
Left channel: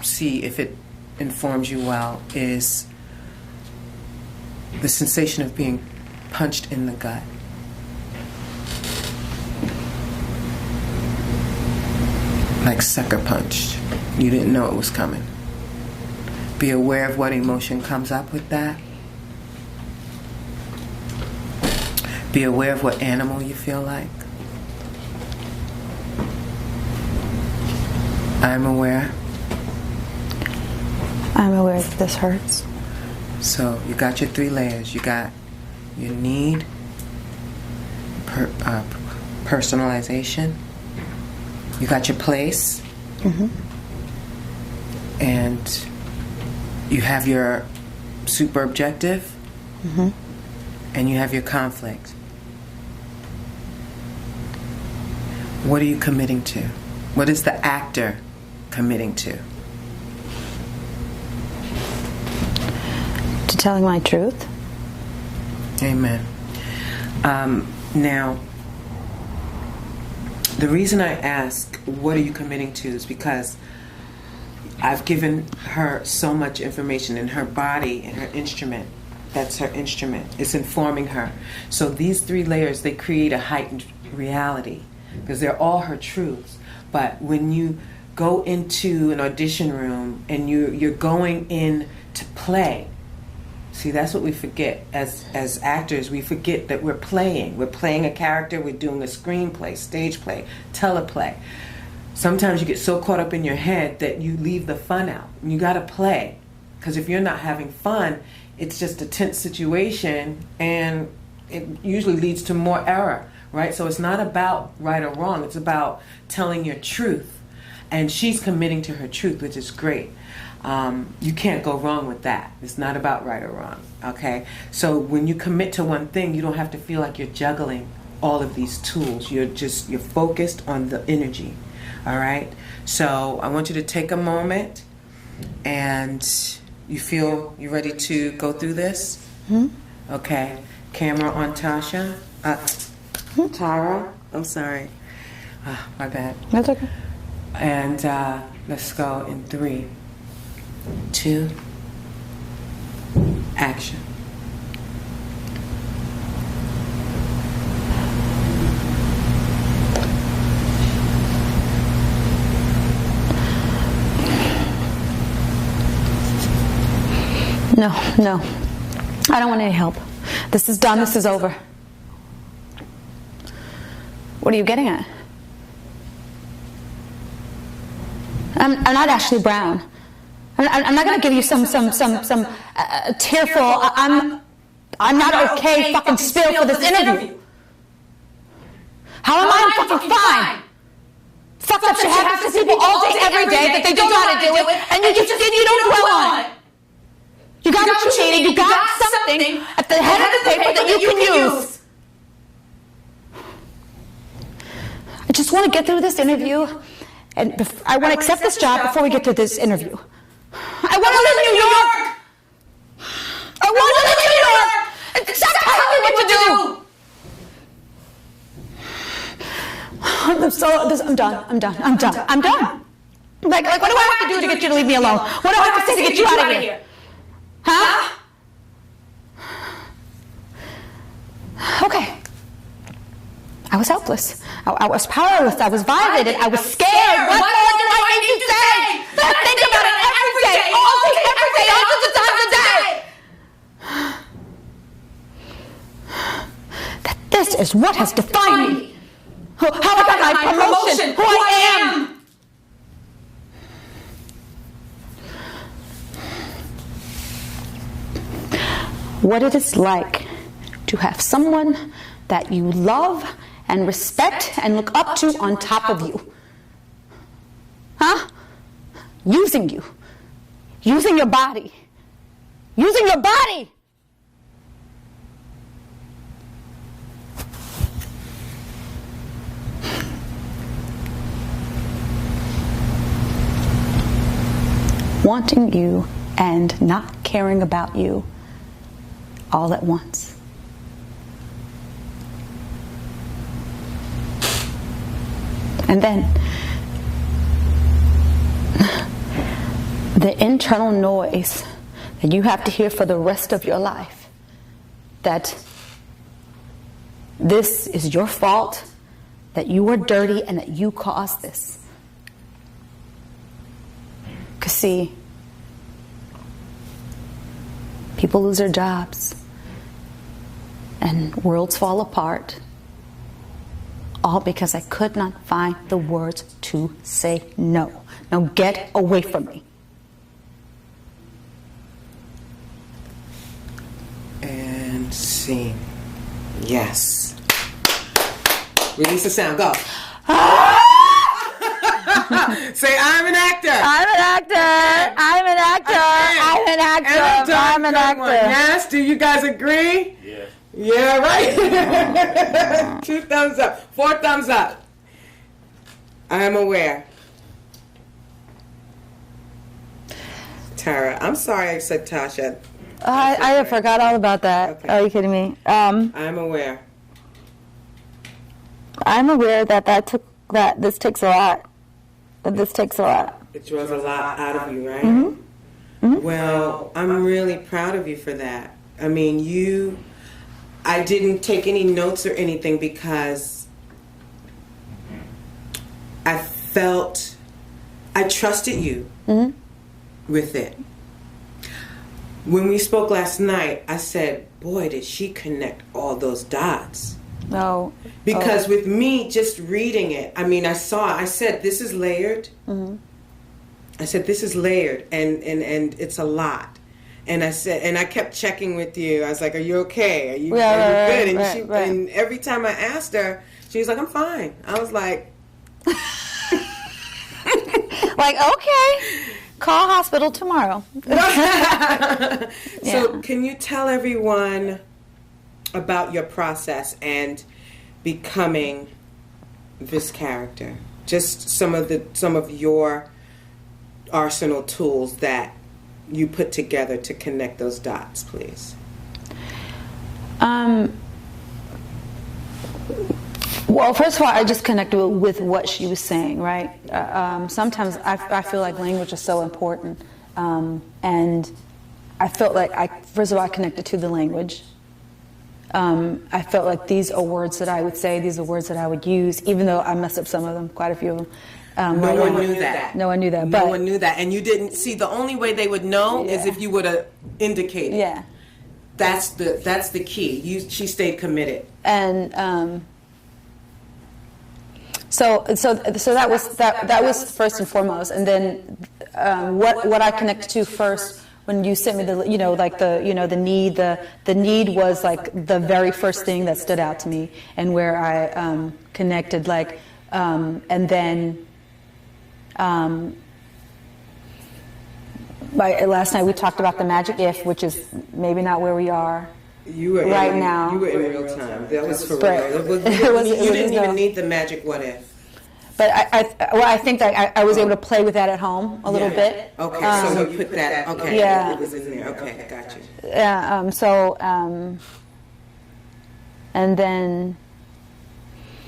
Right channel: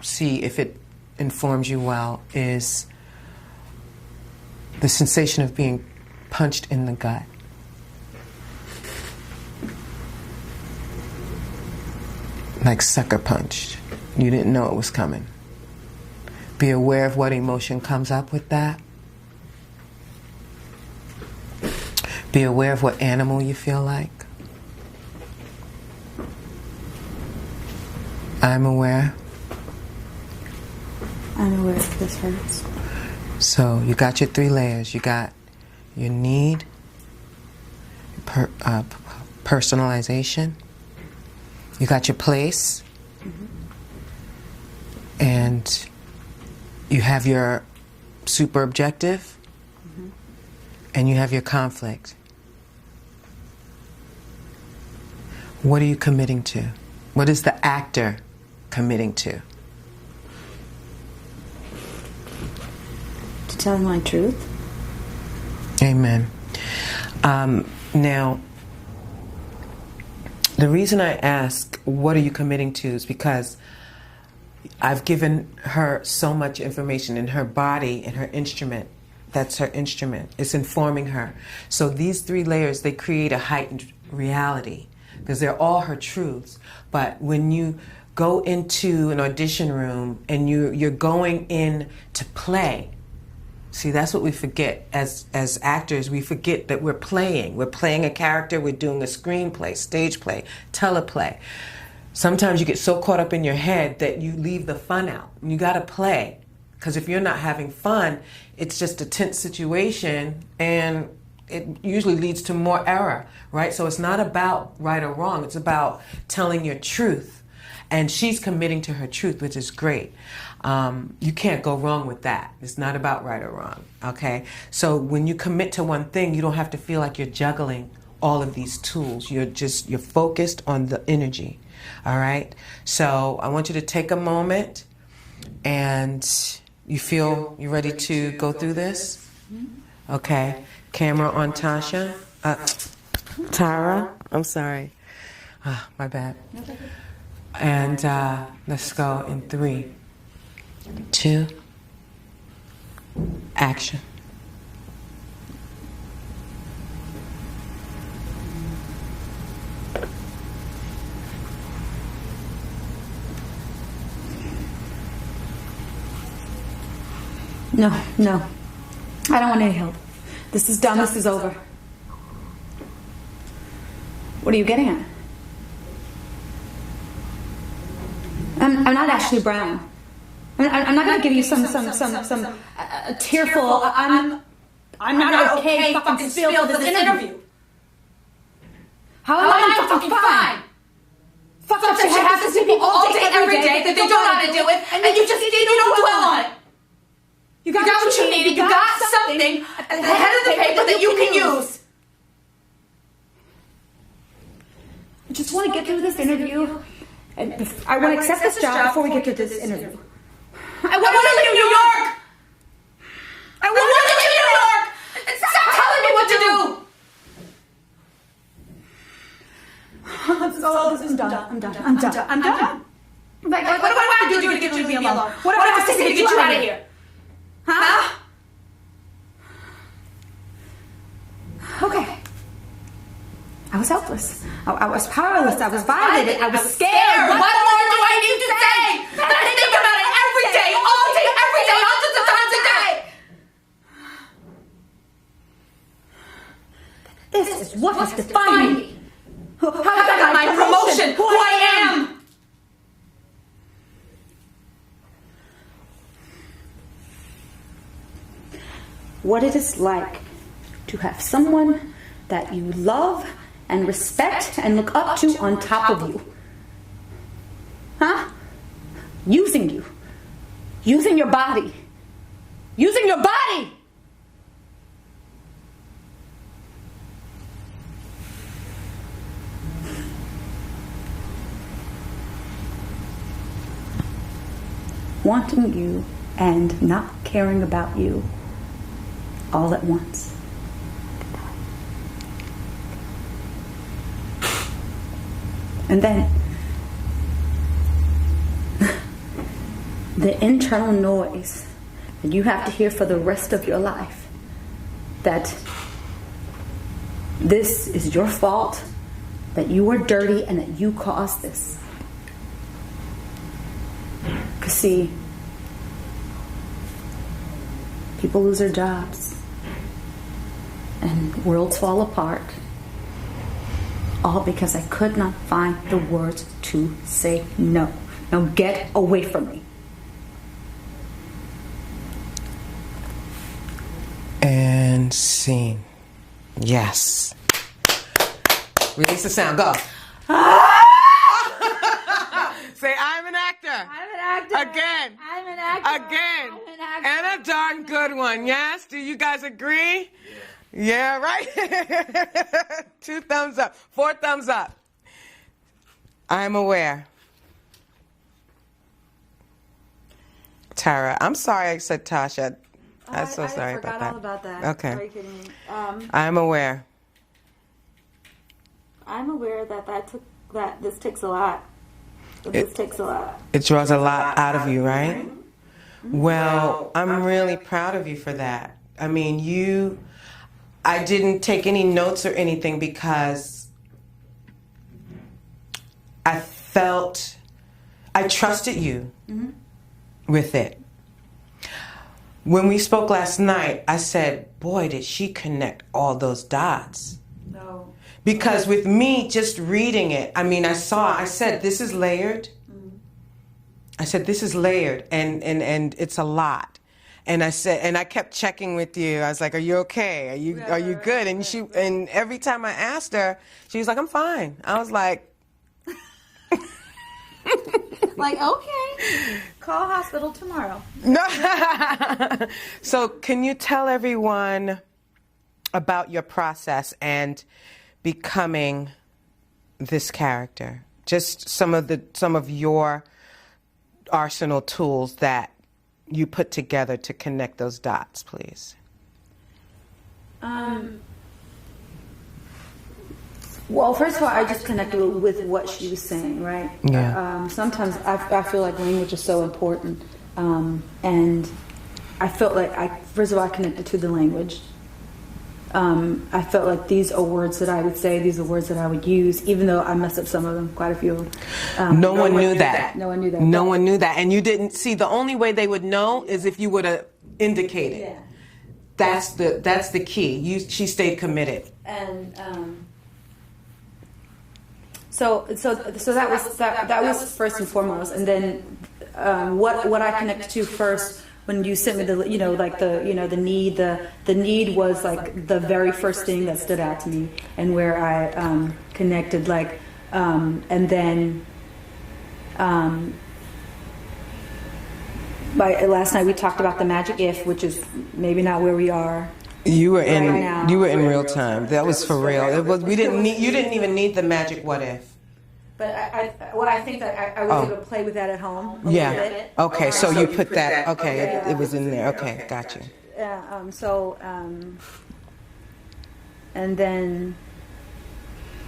see if it informs you well is the sensation of being punched in the gut. Like sucker punched. You didn't know it was coming. Be aware of what emotion comes up with that. Be aware of what animal you feel like. I'm aware. I'm aware that this hurts. So you got your three layers. You got your need, personalization. You got your place. Mm-hmm. And you have your super objective. Mm-hmm. And you have your conflict. What are you committing to? What is the actor committing to? To telling my truth. Amen. Now, the reason I ask, what are you committing to, is because I've given her so much information in her body and her instrument. That's her instrument. It's informing her. So these three layers, they create a heightened reality because they're all her truths. But when you go into an audition room and you're going in to play, see, that's what we forget as actors. We forget that we're playing. We're playing a character. We're doing a screenplay, stage play, teleplay. Sometimes you get so caught up in your head that you leave the fun out. You got to play. Because if you're not having fun, it's just a tense situation and it usually leads to more error, right? So it's not about right or wrong. It's about telling your truth. And she's committing to her truth, which is great. You can't go wrong with that. It's not about right or wrong, okay? So when you commit to one thing, you don't have to feel like you're juggling all of these tools. You're focused on the energy, all right? So I want you to take a moment and you feel you're ready to go through this? Hmm? Okay. Camera on Tasha. Tara. I'm sorry. My bad. That's okay. And let's go in 3, 2, action. No. I don't want any help. This is done. This is over. What are you getting at? I'm not Ashley Brown. I'm not going to give you some tearful. I'm not okay fucking still for this interview. How am I fucking fine? Fuck that you have to see people all day, every day, that they don't know how to do it, and you just you don't dwell on it. You got what you need, you got something at the head of the paper that you can use. I just want to get through this interview, and I want to accept this job before we get to this interview. I want to live in New York! I want to live in New York! Stop telling me what to do! I'm sorry, I'm done. Like, what do I have to do to get you to leave me alone? What do I have to say to get you out of here? Huh? Okay. I was helpless. I was powerless. I was violated. I was scared. What more do I need to say? That I think about it every day, all day, every day, hundreds of times a day. That this is what has defined me. How I got my promotion, who I am. What it is like to have someone that you love and respect and look up to on top of you. Huh? Using you. Using your body. Using your body! Wanting you and not caring about you all at once. And then the internal noise that you have to hear for the rest of your life, that this is your fault, that you are dirty and that you caused this. Because see, people lose their jobs and worlds fall apart, all because I could not find the words to say no. Now get away from me. And sing. Yes. Release the sound. Go. Say, I'm an actor. I'm an actor. Again. I'm an actor. Again. I'm an actor. I'm an actor. Yes, do you guys agree? Yeah. Yeah, right? 2 thumbs up. 4 thumbs up. I am aware. Tara, I'm sorry I said Tasha. I forgot all about that. Okay. Are you kidding me? I'm aware. I'm aware that this takes a lot. This takes a lot. It draws a lot out of you, right? Mm-hmm. Mm-hmm. Well, I'm really proud of you for that. I mean, I didn't take any notes or anything because I trusted you with it. When we spoke last night, I said, boy, did she connect all those dots. No. Because with me just reading it, I mean, I said, this is layered. Mm-hmm. I said, this is layered, and it's a lot. And I said, and I kept checking with you. I was like, are you okay? Are you good? And and every time I asked her, she was like, I'm fine. I was like, okay, call hospital tomorrow. So can you tell everyone about your process and becoming this character? Just some of your arsenal tools that you put together to connect those dots, please. Well, first of all, I just connected with what she was saying, right? Yeah. Sometimes I feel like language is so important, and I felt like first of all I connected to the language. I felt like these are words that I would say, these are words that I would use, even though I messed up some of them, quite a few of them. No one knew that. No one knew that. No one knew that. And you didn't see, the only way they would know is if you would have indicated. Yeah. That's the key. She stayed committed. And so that was first and foremost. And then what I connected to first when you sent me the, like the need was like the very first thing that stood out to me, and where I connected, like, and then last night we talked about the magic if, which is maybe not where we are. You were right in now. You were in real time. That was for real. You didn't even need the magic what if. But I think that I was able to play with that at home a little bit. Okay, so you put that. Okay, yeah. It was in there. Okay, gotcha. Yeah. And then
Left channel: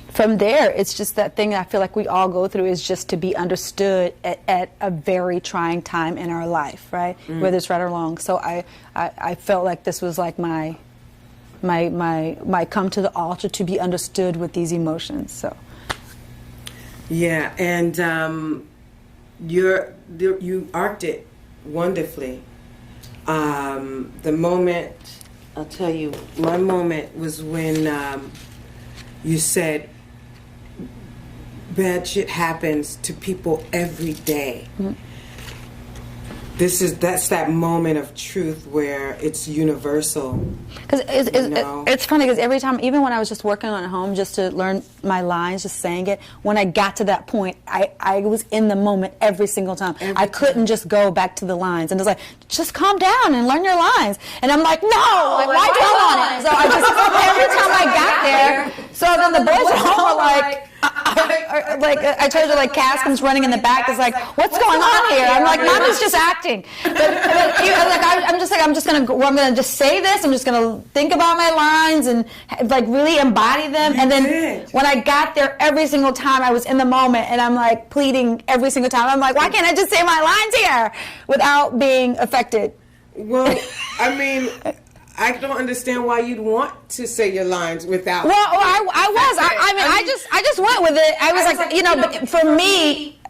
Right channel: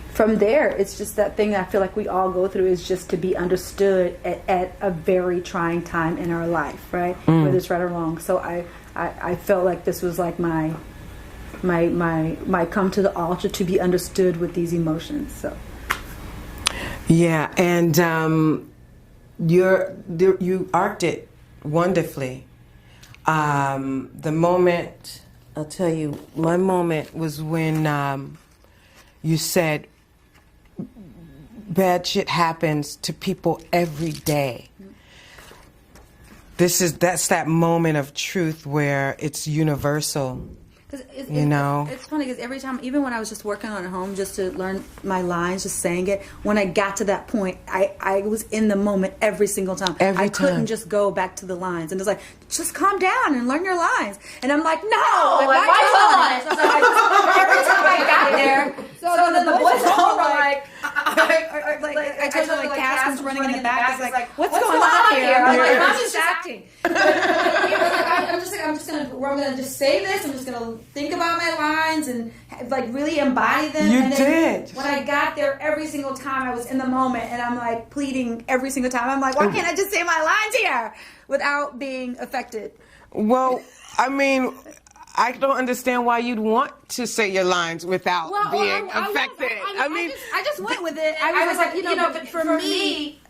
from there, it's just that thing I feel like we all go through, is just to be understood at a very trying time in our life, right? Whether it's right or wrong. So I felt like this was like my come to the altar to be understood with these emotions. So. Yeah, and you arced it wonderfully. The moment, I'll tell you, my moment was when you said, bad shit happens to people every day. Mm-hmm. That's that moment of truth where it's universal. Because it's funny, because every time, even when I was just working on it at home, just to learn my lines, just saying it, when I got to that point, I was in the moment every single time. I couldn't just go back to the lines. And it's like, just calm down and learn your lines. And I'm like, no, why don't? So every time I got there, so the boys at home are like, I told you, like, Caskins running in the back is like, what's going on here? I'm like, I was just acting. I'm just gonna just say this. I'm just gonna think about my lines and like really embody them. And then when I got there, every single time I was in the moment, and I'm like pleading every single time. I'm like, why can't I just say my lines here without being affected? Well, I mean, I don't understand why you'd want to say your lines without. Well, I just went with it. I was like, but for me,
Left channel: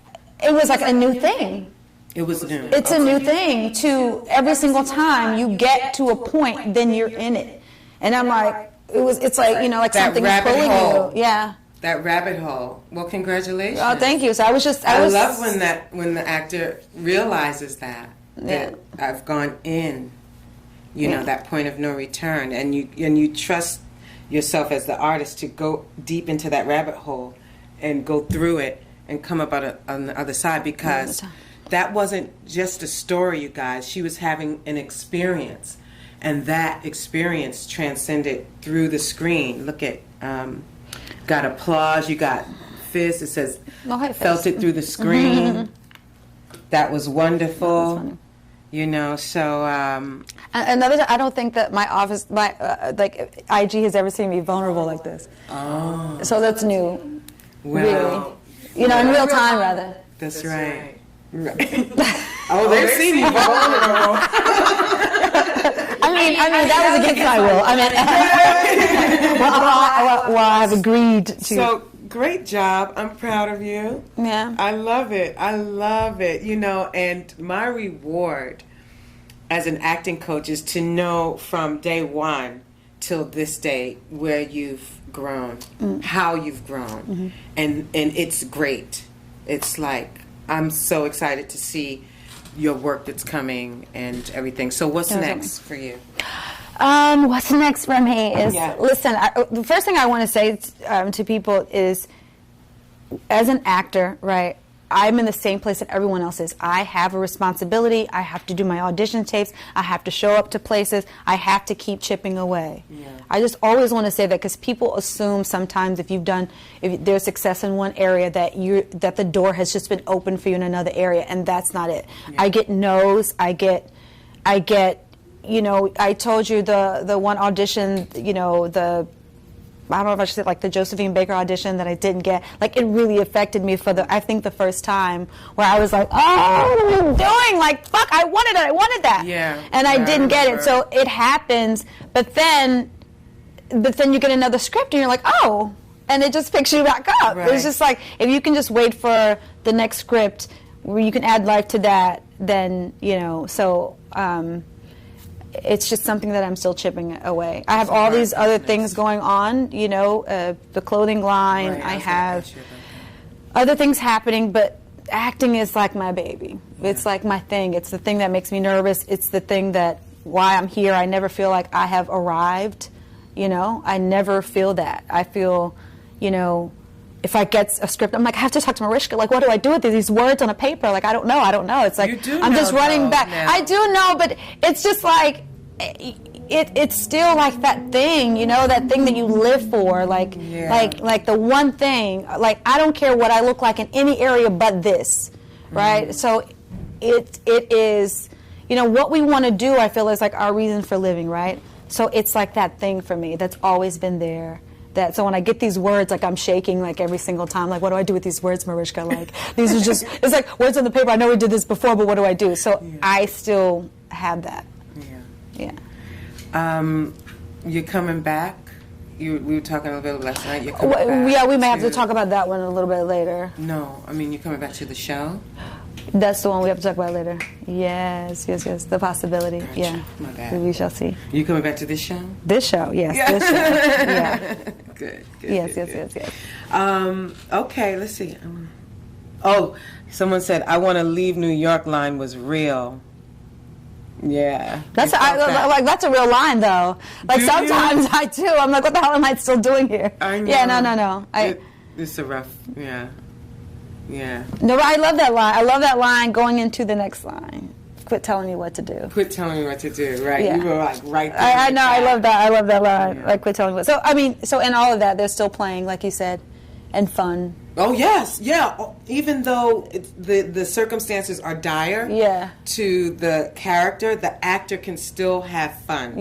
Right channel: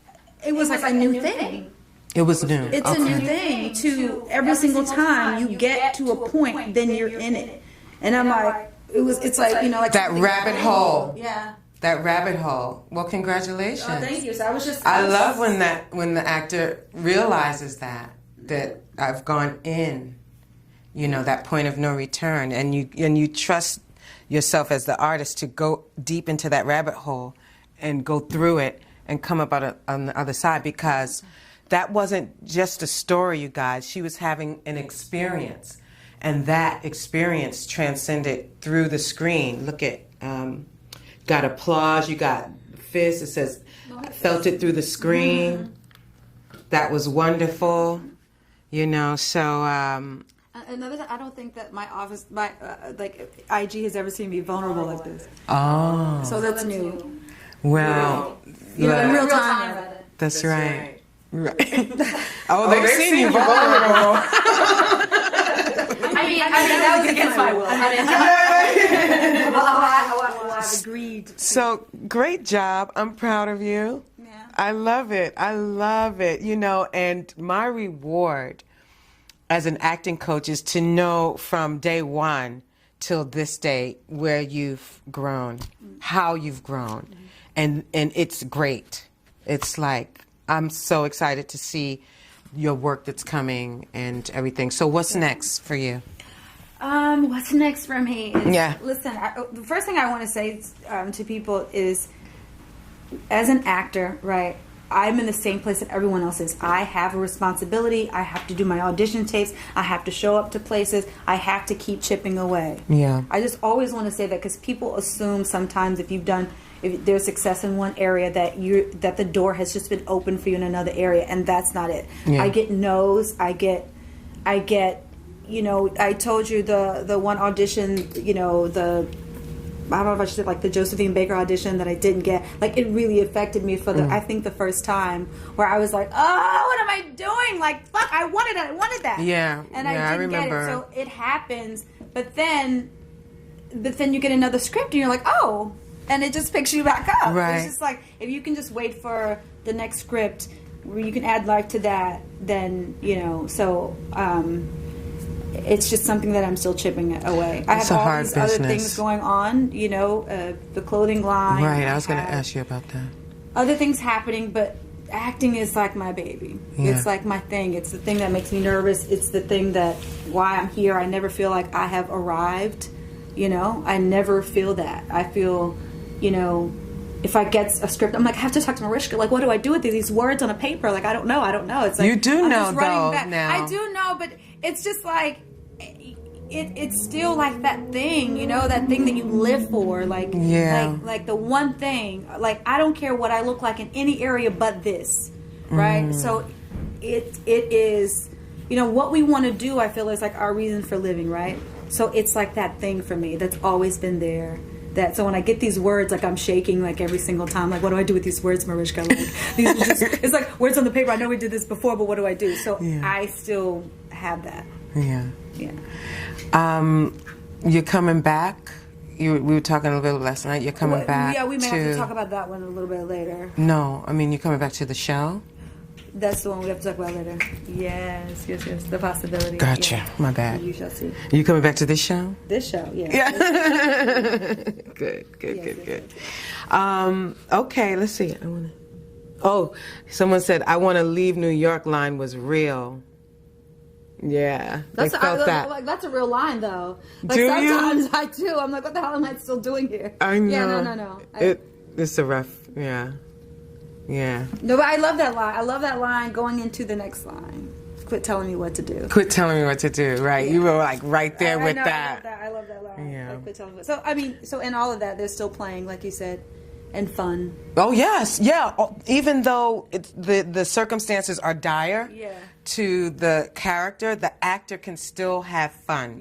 it was like a new thing. It was new. It's a new thing. To every single time you get to a point, then you're in it. And I'm like, it's like like that something rabbit hole. Yeah. That rabbit hole. Well, congratulations. Oh, thank you. So I love when the actor realizes that I've gone in. That point of no return, and you trust yourself as the artist to go deep into that rabbit hole and go through it and come up on the other side, because that wasn't just a story, you guys. She was having an experience, and that experience transcended through the screen. Look at, got applause, you got fists, it says, felt it through the screen. That was wonderful, so... Another, I don't think that my office, IG has ever seen me vulnerable like this. Oh. So that's new. Well. In real time, rather. That's right. Right. They've seen you vulnerable. That was against my will. I have agreed to. So, great job. I'm proud of you. Yeah. I love it. And my reward as an acting coach is to know from day one till this day where you've grown, how you've grown, and it's great. It's like, I'm so excited to see your work that's coming and everything. So what's next for you? What's next for me is, listen, the first thing I want to say to people is, as an actor, right, I'm in the same place that everyone else is. I have a responsibility. I have to do my audition tapes. I have to show up to places. I have to keep chipping away. Yeah. I just always want to say that, because people assume sometimes if there's success in one area that the door has just been opened for you in another area, and that's not it. Yeah. I get no's. I get. I told you the one audition. I don't know if I should say, like, the Josephine Baker audition that I didn't get. Like, it really affected me for I think the first time, where I was like, oh, what am I doing? Like, fuck, I wanted that. Yeah. And I didn't get it. So it happens, but then you get another script and you're like, oh, and it just picks you back up. Right. It's just like, if you can just wait for the next script where you can add life to that, then, it's just something that I'm still chipping away. I have all these other things going on, the clothing line. Right, I was going to ask you about that. Other things happening, but acting is like my baby. Yeah. It's like my thing. It's the thing that makes me nervous. It's the thing that why I'm here. I never feel like I have arrived. I never feel that. I feel, if I get a script, I'm like, I have to talk to Marishka. Like, what do I do with these words on a paper? Like, I don't know. It's like You do I'm know, just running though, back. now. I do know, but it's just like it's still like that thing, that thing that you live for. Like, like the one thing. Like, I don't care what I look like in any area but this, right? So it is, what we want to do. I feel is like our reason for living, right? So it's like that thing for me that's always been there. So when I get these words, like I'm shaking like every single time. Like, what do I do with these words, Marishka? Like, these are just, it's like words on the paper. I know we did this before, but what do I do? So I still have that. Yeah. Yeah. You're coming back? We were talking a little bit last night. You're coming back? Yeah, we may have to talk about that one a little bit later. No, I mean, you're coming back to the show? That's the one we have to talk about later. Yes. The possibility. Gotcha. Yeah. My bad. We shall see. You coming back to this show? This show, yes. Yeah. This show. Yeah. Good. Yes. Okay, let's see. Someone said, I want to leave New York line was real. Yeah. That's that's a real line, though. Like, Do sometimes you? I do. I'm like, what the hell am I still doing here? I know. Yeah, no. It's a rough, yeah. No, but I love that line. I love that line going into the next line. Quit telling me what to do. Quit telling me what to do, right? Yeah. You were like right there. I with know. that. I love that line. Yeah. Like, quit telling me what. So, so in all of that, they're still playing, like you said, and fun. Oh, yes, yeah. Even though the circumstances are dire to the character, the actor can still have fun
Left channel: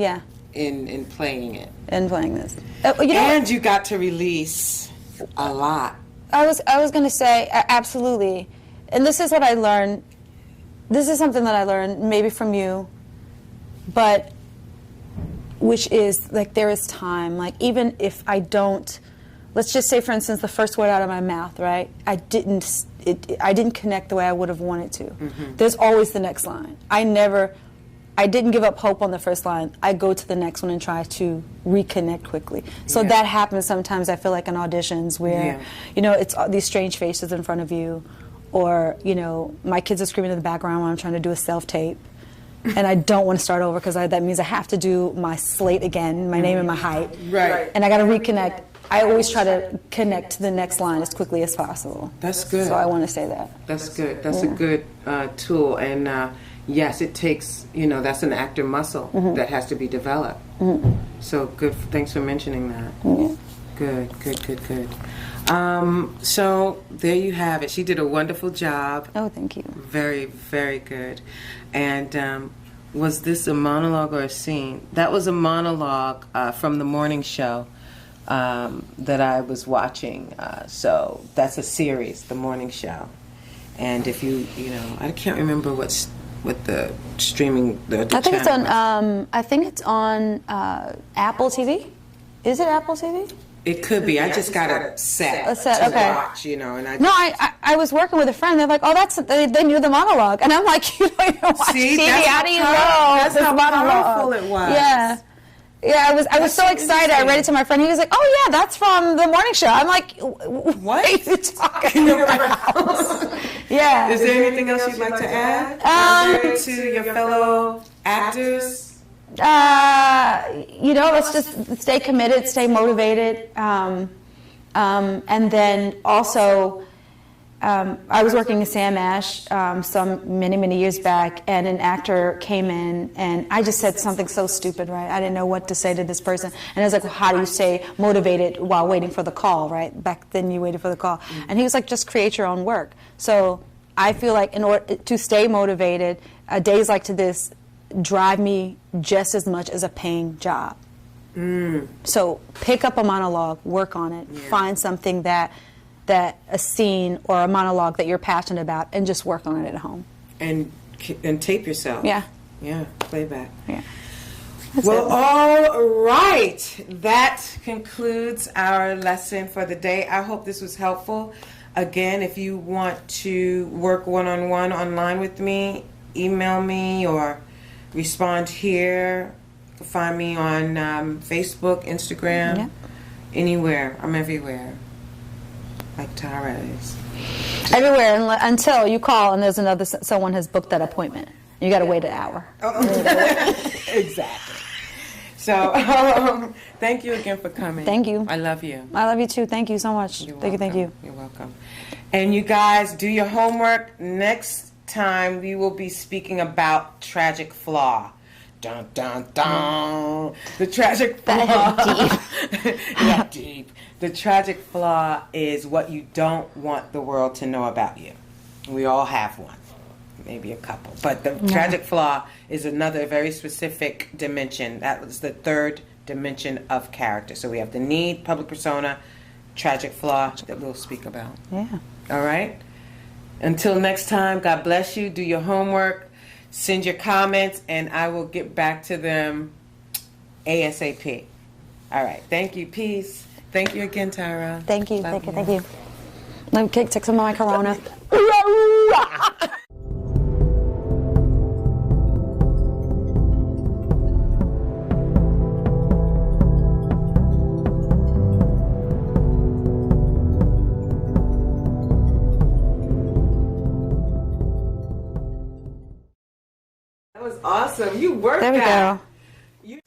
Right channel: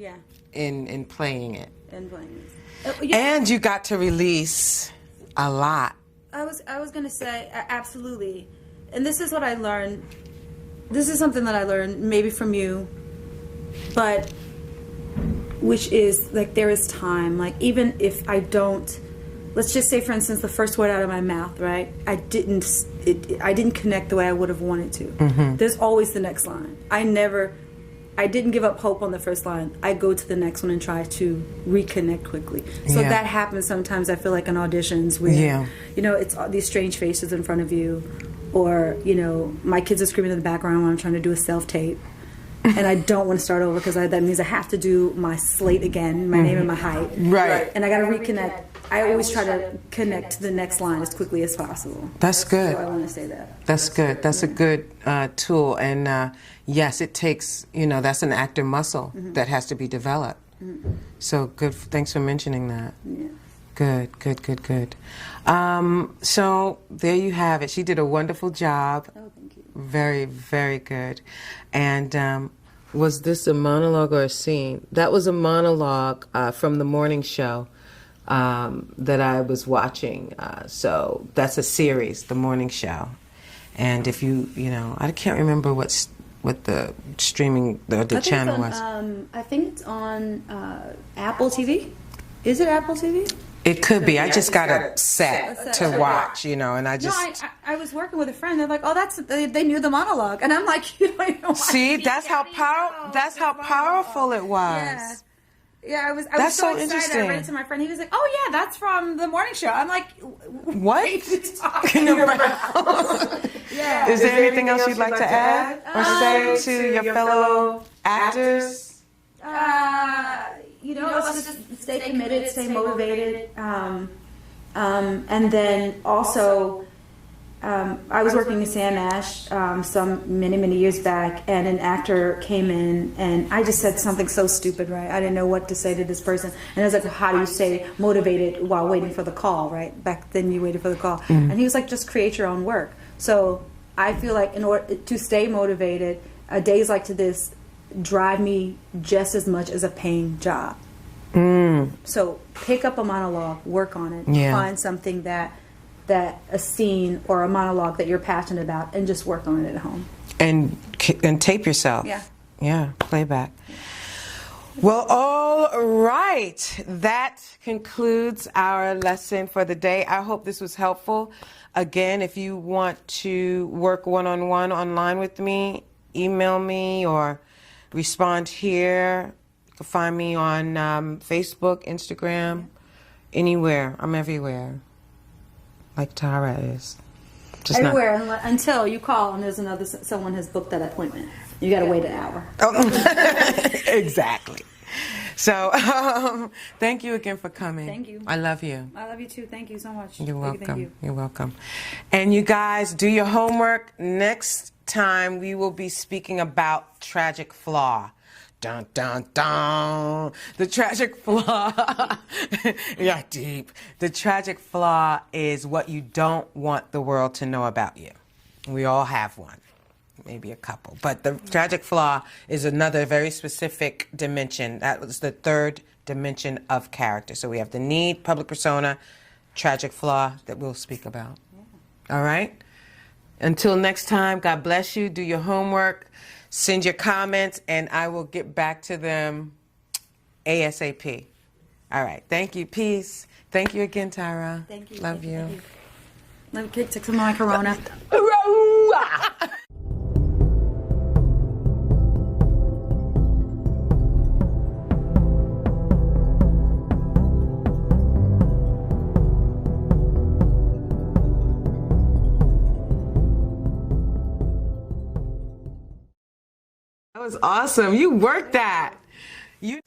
in playing it. And playing this. And you got to release a lot. I was going to say, absolutely. And this is what I learned. This is something that I learned maybe from you, but which is, like, there is time. Like, even if I don't, let's just say, for instance, the first word out of my mouth, right? I didn't connect the way I would have wanted to. Mm-hmm. There's always the next line. I didn't give up hope on the first line. I go to the next one and try to reconnect quickly. So that happens sometimes, I feel like, in auditions where, it's all these strange faces in front of you, or, my kids are screaming in the background when I'm trying to do a self-tape. And I don't want to start over because that means I have to do my slate again, my name and my height. Right. And I got to reconnect. I always try to connect to the next line as quickly as possible. That's good. So I want to say that. That's good. That's a good tool. And yes, it takes, that's an actor muscle that has to be developed. Mm-hmm. So good. Thanks for mentioning that. Mm-hmm. Good. So there you have it. She did a wonderful job. Oh, thank you. Very, very good. And was this a monologue or a scene? That was a monologue from the morning show that I was watching. So that's a series, the morning show. And if I can't remember what the streaming the channel was. I think it's on Apple TV. Is it Apple TV? It could be. I just got a set to watch, and I just... No, I was working with a friend. They're like, oh, they knew the monologue. And I'm like, you don't even watch TV. How do you know? That's how powerful it was. Yeah. Yeah, I was so excited. I read it to my friend. He was like, oh, yeah, that's from the morning show. I'm like, what are you talking about? Yeah. Is there anything else you'd like to add? To your fellow actors? Let's just stay committed, stay motivated, and then also, I was working in Sam Ash many years back, and an actor came in, and I just said something so stupid, right? I didn't know what to say to this person, and I was like, well, how do you stay motivated while waiting for the call, right? Back then you waited for the call. Mm-hmm. And he was like, just create your own work. So I feel like in order to stay motivated, days like this drive me just as much as a paying job. So pick up a monologue, work on it, find something that a scene or a monologue that you're passionate about, and just work on it at home. And tape yourself. Yeah, playback. Yeah. Well, all right. That concludes our lesson for the day. I hope this was helpful. Again, if you want to work one-on-one online with me, email me or respond here. You can find me on Facebook, Instagram, anywhere. I'm everywhere, like Tara is. Everywhere until you call and there's another someone has booked that appointment. You got to wait an hour. Exactly. So, thank you again for coming. Thank you. I love you. I love you too. Thank you so much. You're Thank welcome. you. Thank you. You're welcome. And you guys, do your homework. Next time, we will be speaking about tragic flaw. Dun, dun, dun. The tragic flaw. Yeah, deep. The tragic flaw is what you don't want the world to know about you. We all have one. Maybe a couple. But the tragic flaw is another very specific dimension. That was the third dimension of character. So we have the need, public persona, tragic flaw that we'll speak about. Yeah. All right? Until next time, God bless you. Do your homework. Send your comments, and I will get back to them ASAP. All right. Thank you. Peace. Thank you again, Tara. Thank you. Love Thank you. Thank you. Let me take some of my Corona. That was awesome. You worked There we that. go. You.